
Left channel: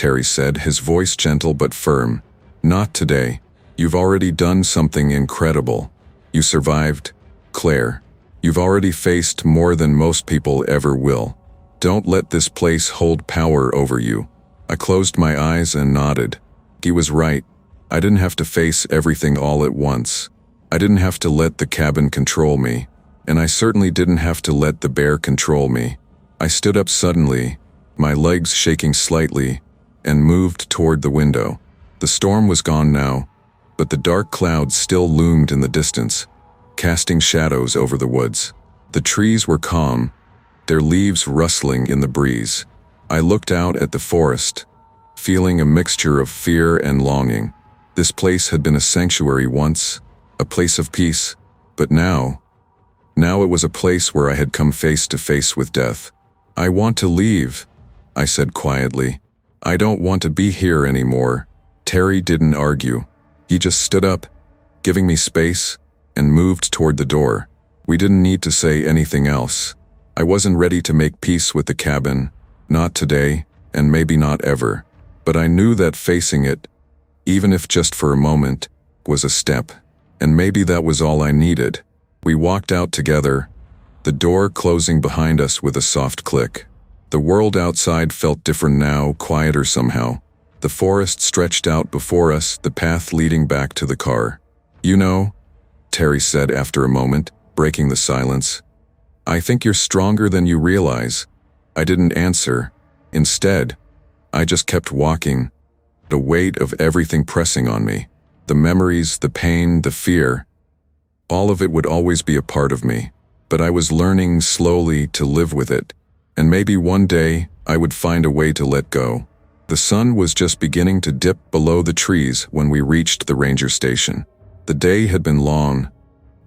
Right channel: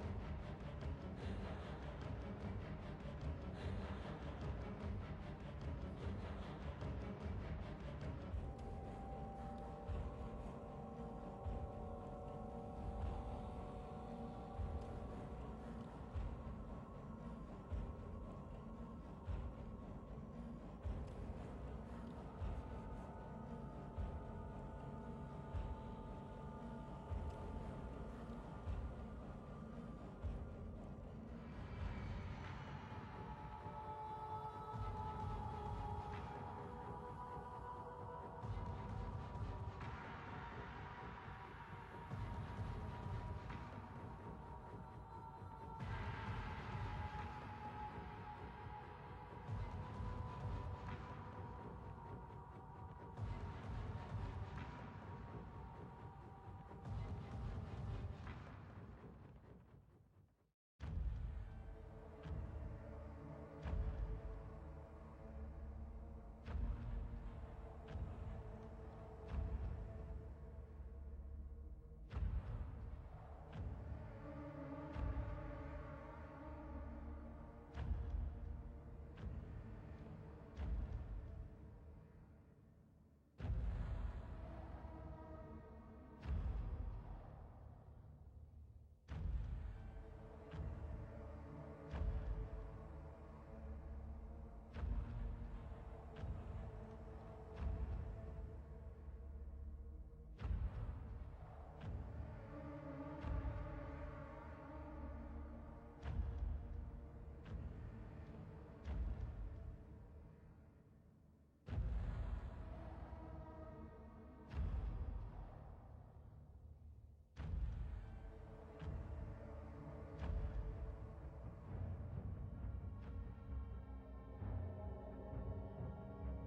Terry said, his voice gentle but firm. "Not today. You've already done something incredible. You survived, Claire. You've already faced more than most people ever will. Don't let this place hold power over you." I closed my eyes and nodded. He was right. I didn't have to face everything all at once. I didn't have to let the cabin control me, and I certainly didn't have to let the bear control me. I stood up suddenly, my legs shaking slightly, and moved toward the window. The storm was gone now, but the dark clouds still loomed in the distance, casting shadows over the woods. The trees were calm, their leaves rustling in the breeze. I looked out at the forest, feeling a mixture of fear and longing. This place had been a sanctuary once, a place of peace, but now it was a place where I had come face to face with death. "I want to leave," I said quietly. "I don't want to be here anymore." Terry didn't argue. He just stood up, giving me space, and moved toward the door. We didn't need to say anything else. I wasn't ready to make peace with the cabin, not today, and maybe not ever. But I knew that facing it, even if just for a moment, was a step. And maybe that was all I needed. We walked out together, the door closing behind us with a soft click. The world outside felt different now, quieter somehow. The forest stretched out before us, the path leading back to the car. "You know," Terry said after a moment, breaking the silence, "I think you're stronger than you realize." I didn't answer. Instead, I just kept walking, the weight of everything pressing on me. The memories, the pain, the fear. All of it would always be a part of me, but I was learning slowly to live with it, and maybe one day I would find a way to let go. The sun was just beginning to dip below the trees when we reached the ranger station. The day had been long,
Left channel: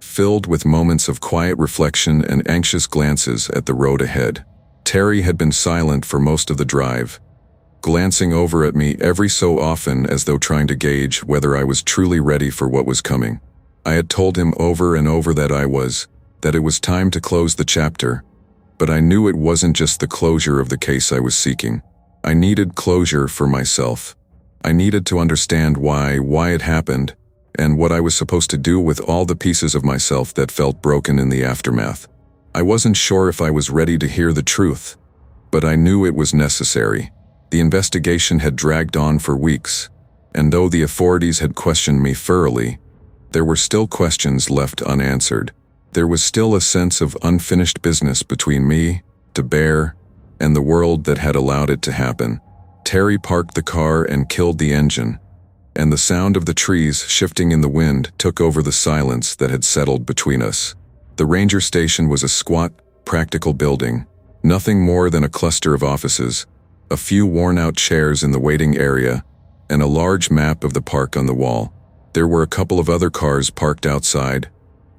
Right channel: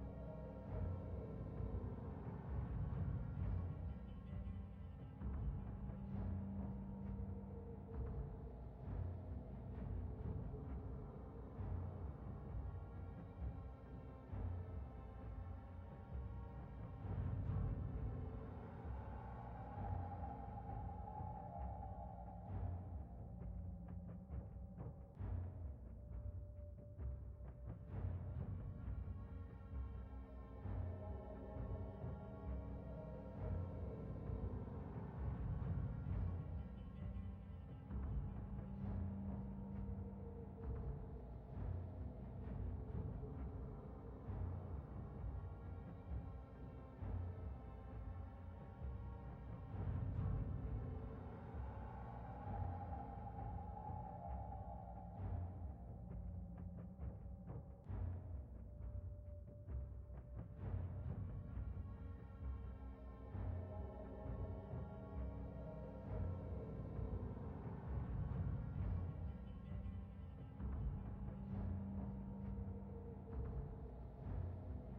filled with moments of quiet reflection and anxious glances at the road ahead. Terry had been silent for most of the drive, glancing over at me every so often as though trying to gauge whether I was truly ready for what was coming. I had told him over and over that it was time to close the chapter, but I knew it wasn't just the closure of the case I was seeking. I needed closure for myself. I needed to understand why it happened, and what I was supposed to do with all the pieces of myself that felt broken in the aftermath. I wasn't sure if I was ready to hear the truth, but I knew it was necessary. The investigation had dragged on for weeks, and though the authorities had questioned me thoroughly, there were still questions left unanswered. There was still a sense of unfinished business between me, the bear, and the world that had allowed it to happen. Terry parked the car and killed the engine, and the sound of the trees shifting in the wind took over the silence that had settled between us. The ranger station was a squat, practical building, nothing more than a cluster of offices, a few worn-out chairs in the waiting area, and a large map of the park on the wall. There were a couple of other cars parked outside,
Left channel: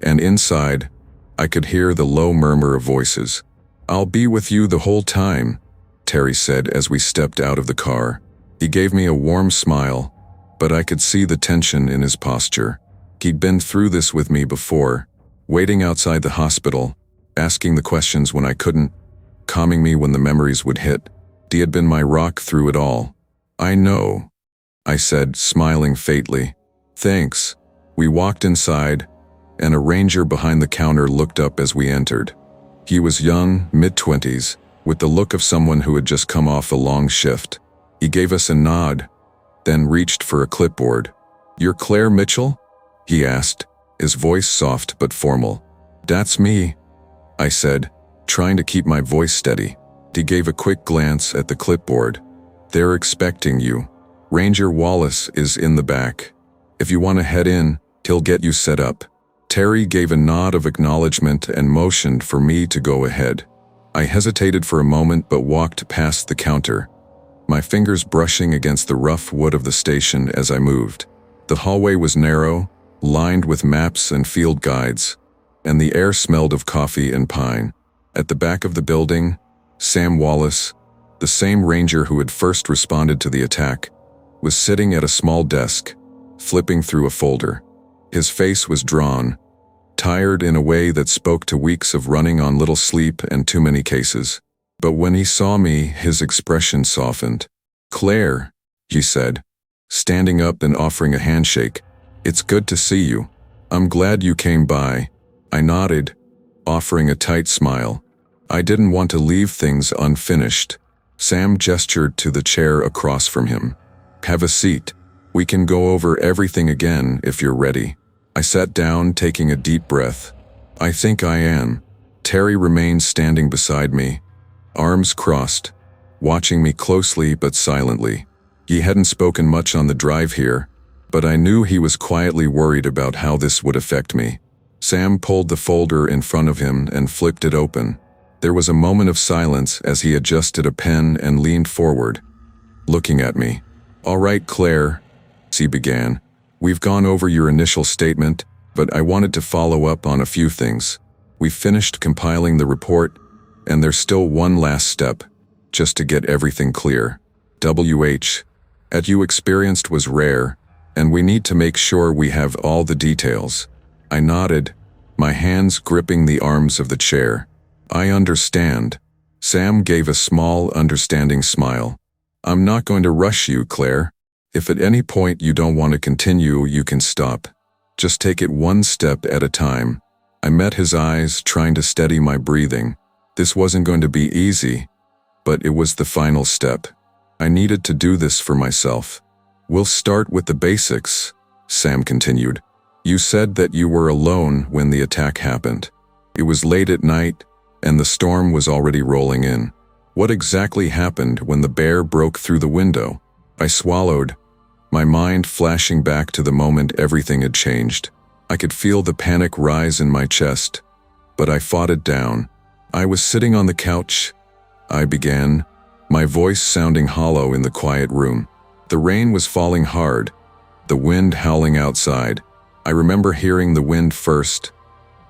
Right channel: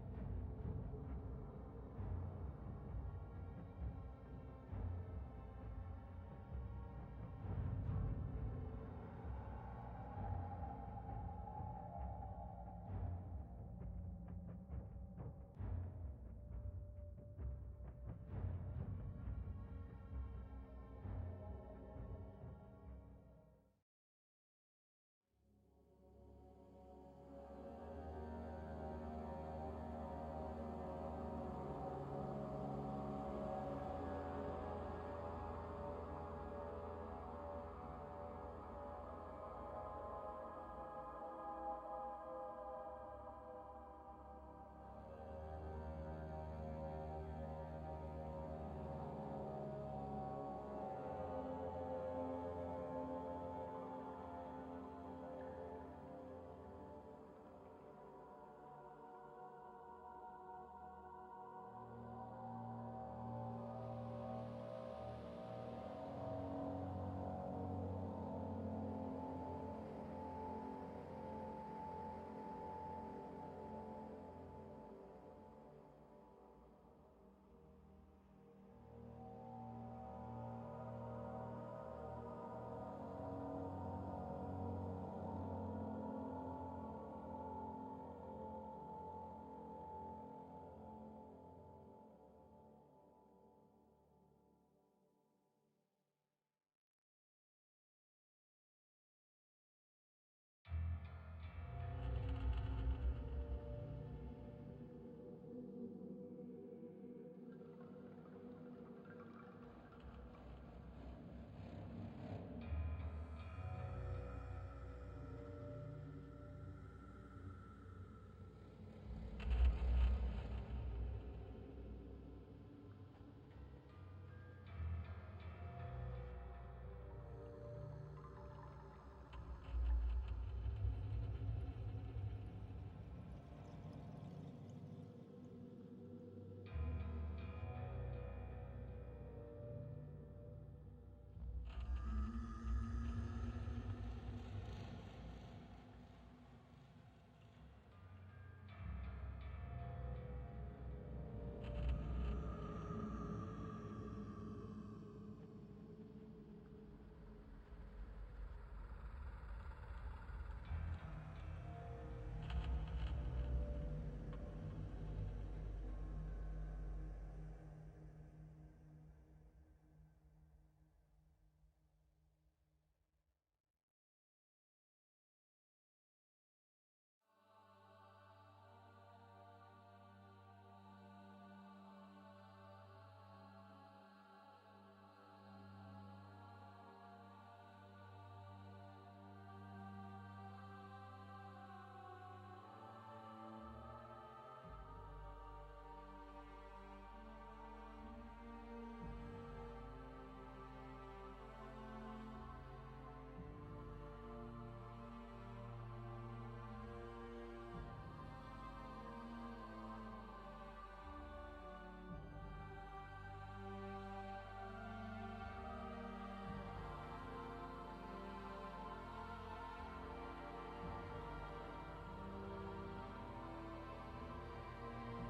and inside, I could hear the low murmur of voices. "I'll be with you the whole time," Terry said as we stepped out of the car. He gave me a warm smile, but I could see the tension in his posture. He'd been through this with me before, waiting outside the hospital, asking the questions when I couldn't, calming me when the memories would hit. He had been my rock through it all. "I know," I said, smiling faintly. "Thanks." We walked inside, and a ranger behind the counter looked up as we entered. He was young, mid-20s, with the look of someone who had just come off a long shift. He gave us a nod, then reached for a clipboard. "You're Claire Mitchell?" he asked, his voice soft but formal. "That's me," I said, trying to keep my voice steady. He gave a quick glance at the clipboard. "They're expecting you. Ranger Wallace is in the back. If you want to head in, he'll get you set up." Terry gave a nod of acknowledgement and motioned for me to go ahead. I hesitated for a moment but walked past the counter, my fingers brushing against the rough wood of the station as I moved. The hallway was narrow, lined with maps and field guides, and the air smelled of coffee and pine. At the back of the building, Sam Wallace, the same ranger who had first responded to the attack, was sitting at a small desk, flipping through a folder. His face was drawn, tired in a way that spoke to weeks of running on little sleep and too many cases. But when he saw me, his expression softened. Claire, he said, standing up and offering a handshake. It's good to see you. I'm glad you came by. I nodded, offering a tight smile. I didn't want to leave things unfinished. Sam gestured to the chair across from him. Have a seat. We can go over everything again if you're ready. I sat down, taking a deep breath. I think I am. Terry remained standing beside me, arms crossed, watching me closely but silently. He hadn't spoken much on the drive here, but I knew he was quietly worried about how this would affect me. Sam pulled the folder in front of him and flipped it open. There was a moment of silence as he adjusted a pen and leaned forward, looking at me. All right, Claire, he began. We've gone over your initial statement, but I wanted to follow up on a few things. We finished compiling the report, and there's still one last step, just to get everything clear. What you experienced was rare, and we need to make sure we have all the details. I nodded, my hands gripping the arms of the chair. I understand. Sam gave a small, understanding smile. I'm not going to rush you, Claire. If at any point you don't want to continue, you can stop. Just take it one step at a time. I met his eyes, trying to steady my breathing. This wasn't going to be easy, but it was the final step. I needed to do this for myself. We'll start with the basics, Sam continued. You said that you were alone when the attack happened. It was late at night, and the storm was already rolling in. What exactly happened when the bear broke through the window? I swallowed, my mind flashing back to the moment everything had changed. I could feel the panic rise in my chest, but I fought it down. I was sitting on the couch, I began, my voice sounding hollow in the quiet room. The rain was falling hard, the wind howling outside. I remember hearing the wind first,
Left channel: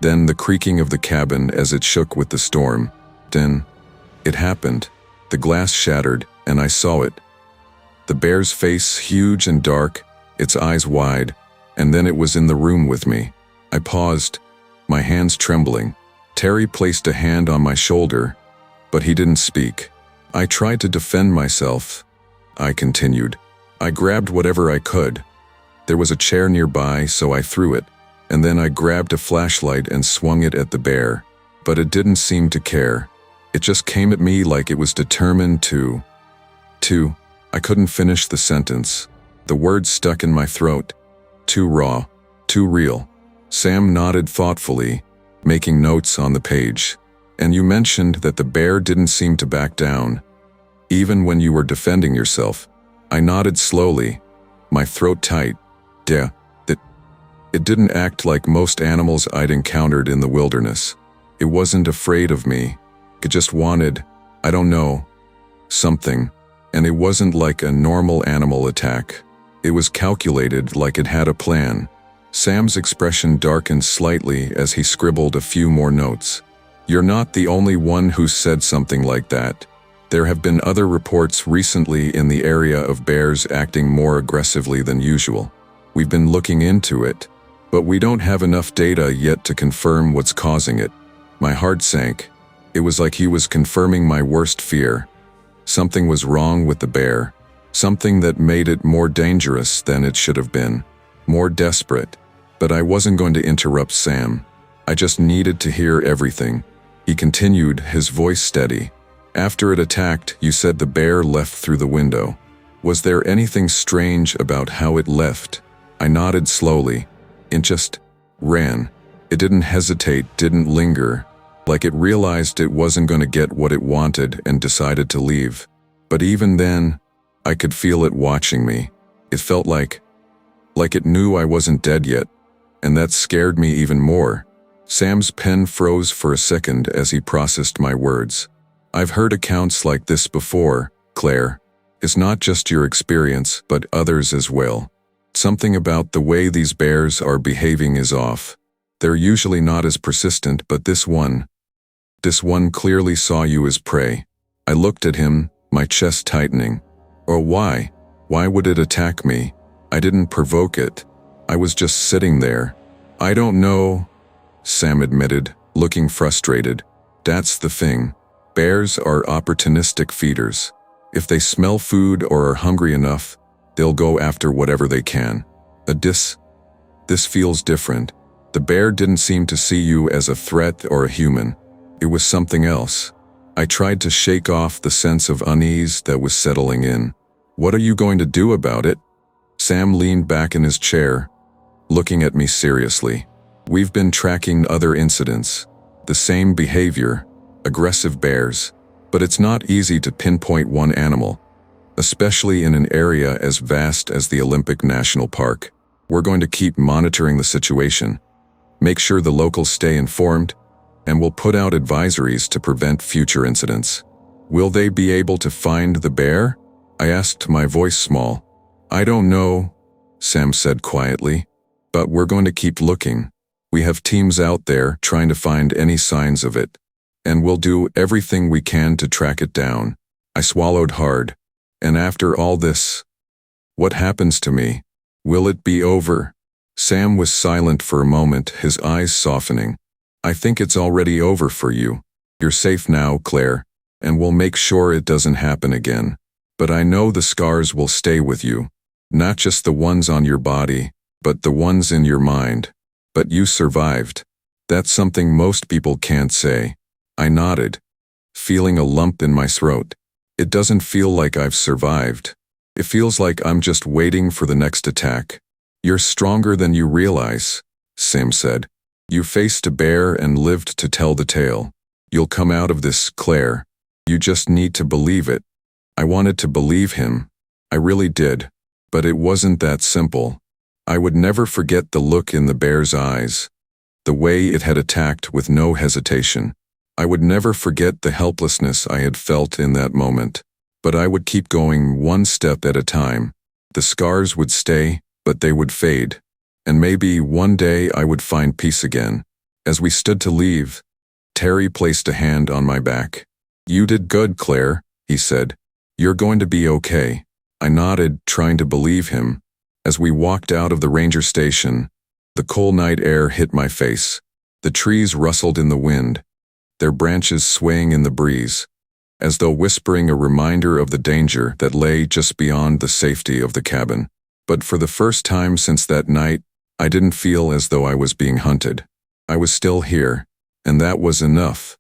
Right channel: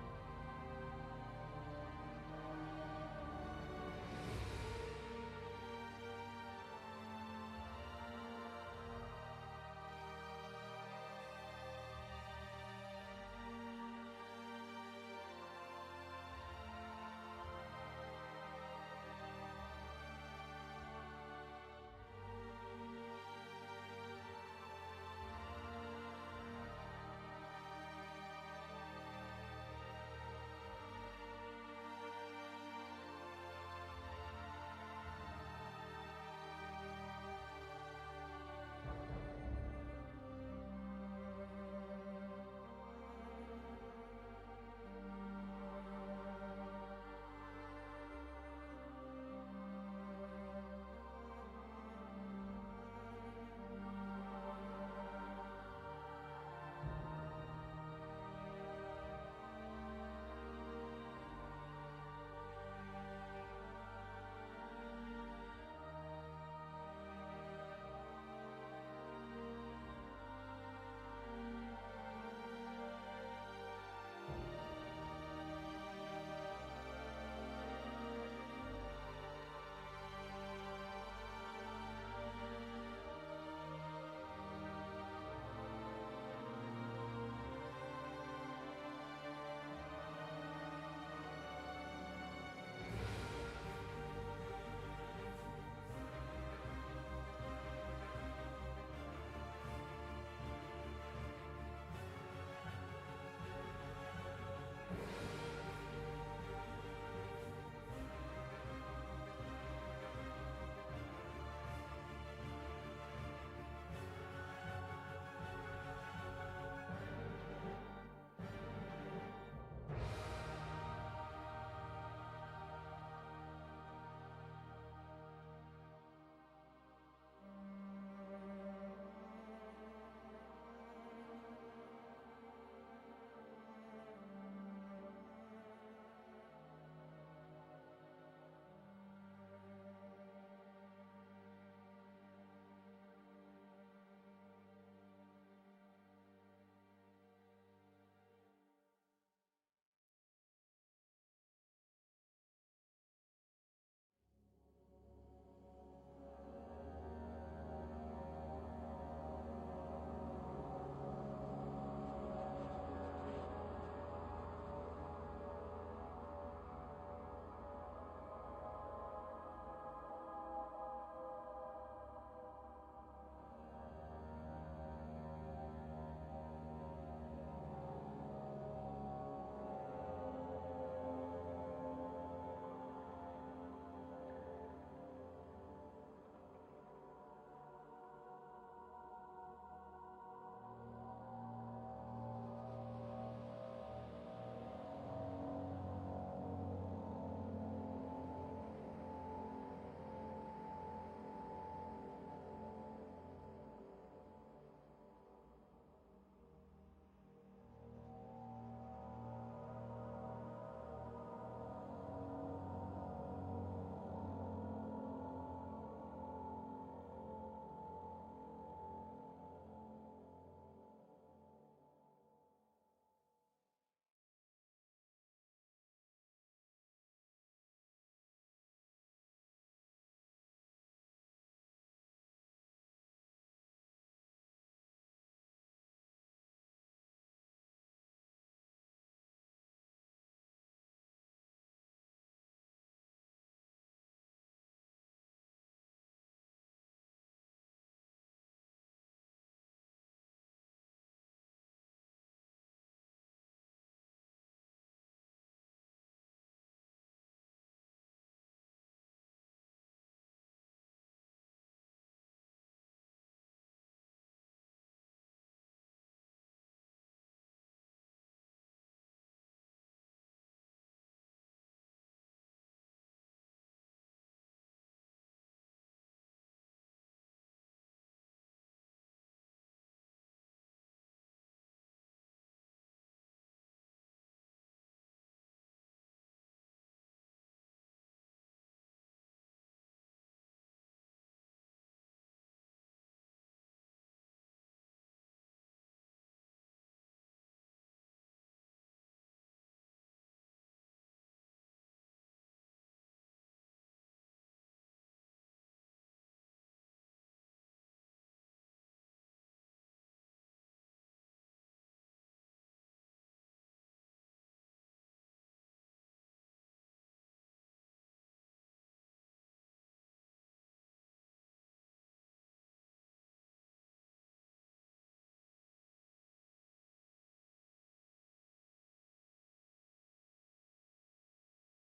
then the creaking of the cabin as it shook with the storm. Then, it happened. The glass shattered, and I saw it. The bear's face huge and dark, its eyes wide, and then it was in the room with me. I paused, my hands trembling. Terry placed a hand on my shoulder, but he didn't speak. I tried to defend myself. I continued. I grabbed whatever I could. There was a chair nearby, so I threw it, and then I grabbed a flashlight and swung it at the bear. But it didn't seem to care. It just came at me like it was determined to. I couldn't finish the sentence. The words stuck in my throat. Too raw, too real. Sam nodded thoughtfully, making notes on the page. And you mentioned that the bear didn't seem to back down, even when you were defending yourself. I nodded slowly, my throat tight. Yeah, it didn't act like most animals I'd encountered in the wilderness. It wasn't afraid of me. It just wanted, I don't know, something. And it wasn't like a normal animal attack. It was calculated, like it had a plan. Sam's expression darkened slightly as he scribbled a few more notes. You're not the only one who said something like that. There have been other reports recently in the area of bears acting more aggressively than usual. We've been looking into it, but we don't have enough data yet to confirm what's causing it. My heart sank. It was like he was confirming my worst fear. Something was wrong with the bear, something that made it more dangerous than it should have been, more desperate. But I wasn't going to interrupt Sam. I just needed to hear everything. He continued, his voice steady. After it attacked, you said the bear left through the window. Was there anything strange about how it left? I nodded slowly. It just ran. It didn't hesitate, didn't linger, like it realized it wasn't going to get what it wanted and decided to leave. But even then, I could feel it watching me. It felt like it knew I wasn't dead yet, and that scared me even more. Sam's pen froze for a second as he processed my words. I've heard accounts like this before, Claire. It's not just your experience, but others as well. Something about the way these bears are behaving is off. They're usually not as persistent, but this one clearly saw you as prey. I looked at him, my chest tightening. Or why? Why would it attack me? I didn't provoke it. I was just sitting there. I don't know, Sam admitted, looking frustrated. That's the thing. Bears are opportunistic feeders. If they smell food or are hungry enough, they'll go after whatever they can. This feels different. The bear didn't seem to see you as a threat or a human. It was something else. I tried to shake off the sense of unease that was settling in. What are you going to do about it? Sam leaned back in his chair, looking at me seriously. We've been tracking other incidents. The same behavior, aggressive bears. But it's not easy to pinpoint one animal, especially in an area as vast as the Olympic National Park. We're going to keep monitoring the situation, make sure the locals stay informed, and we'll put out advisories to prevent future incidents. Will they be able to find the bear? I asked, my voice small. I don't know, Sam said quietly, but we're going to keep looking. We have teams out there trying to find any signs of it, and we'll do everything we can to track it down. I swallowed hard. And after all this, what happens to me? Will it be over? Sam was silent for a moment, his eyes softening. I think it's already over for you. You're safe now, Claire, and we'll make sure it doesn't happen again. But I know the scars will stay with you. Not just the ones on your body, but the ones in your mind. But you survived. That's something most people can't say. I nodded, feeling a lump in my throat. It doesn't feel like I've survived. It feels like I'm just waiting for the next attack. You're stronger than you realize, Sam said. You faced a bear and lived to tell the tale. You'll come out of this, Claire. You just need to believe it. I wanted to believe him. I really did. But it wasn't that simple. I would never forget the look in the bear's eyes, the way it had attacked with no hesitation. I would never forget the helplessness I had felt in that moment. But I would keep going one step at a time. The scars would stay, but they would fade. And maybe one day I would find peace again. As we stood to leave, Terry placed a hand on my back. You did good, Claire, he said. You're going to be okay. I nodded, trying to believe him. As we walked out of the ranger station, the cold night air hit my face. The trees rustled in the wind, their branches swaying in the breeze, as though whispering a reminder of the danger that lay just beyond the safety of the cabin. But for the first time since that night, I didn't feel as though I was being hunted. I was still here, and that was enough.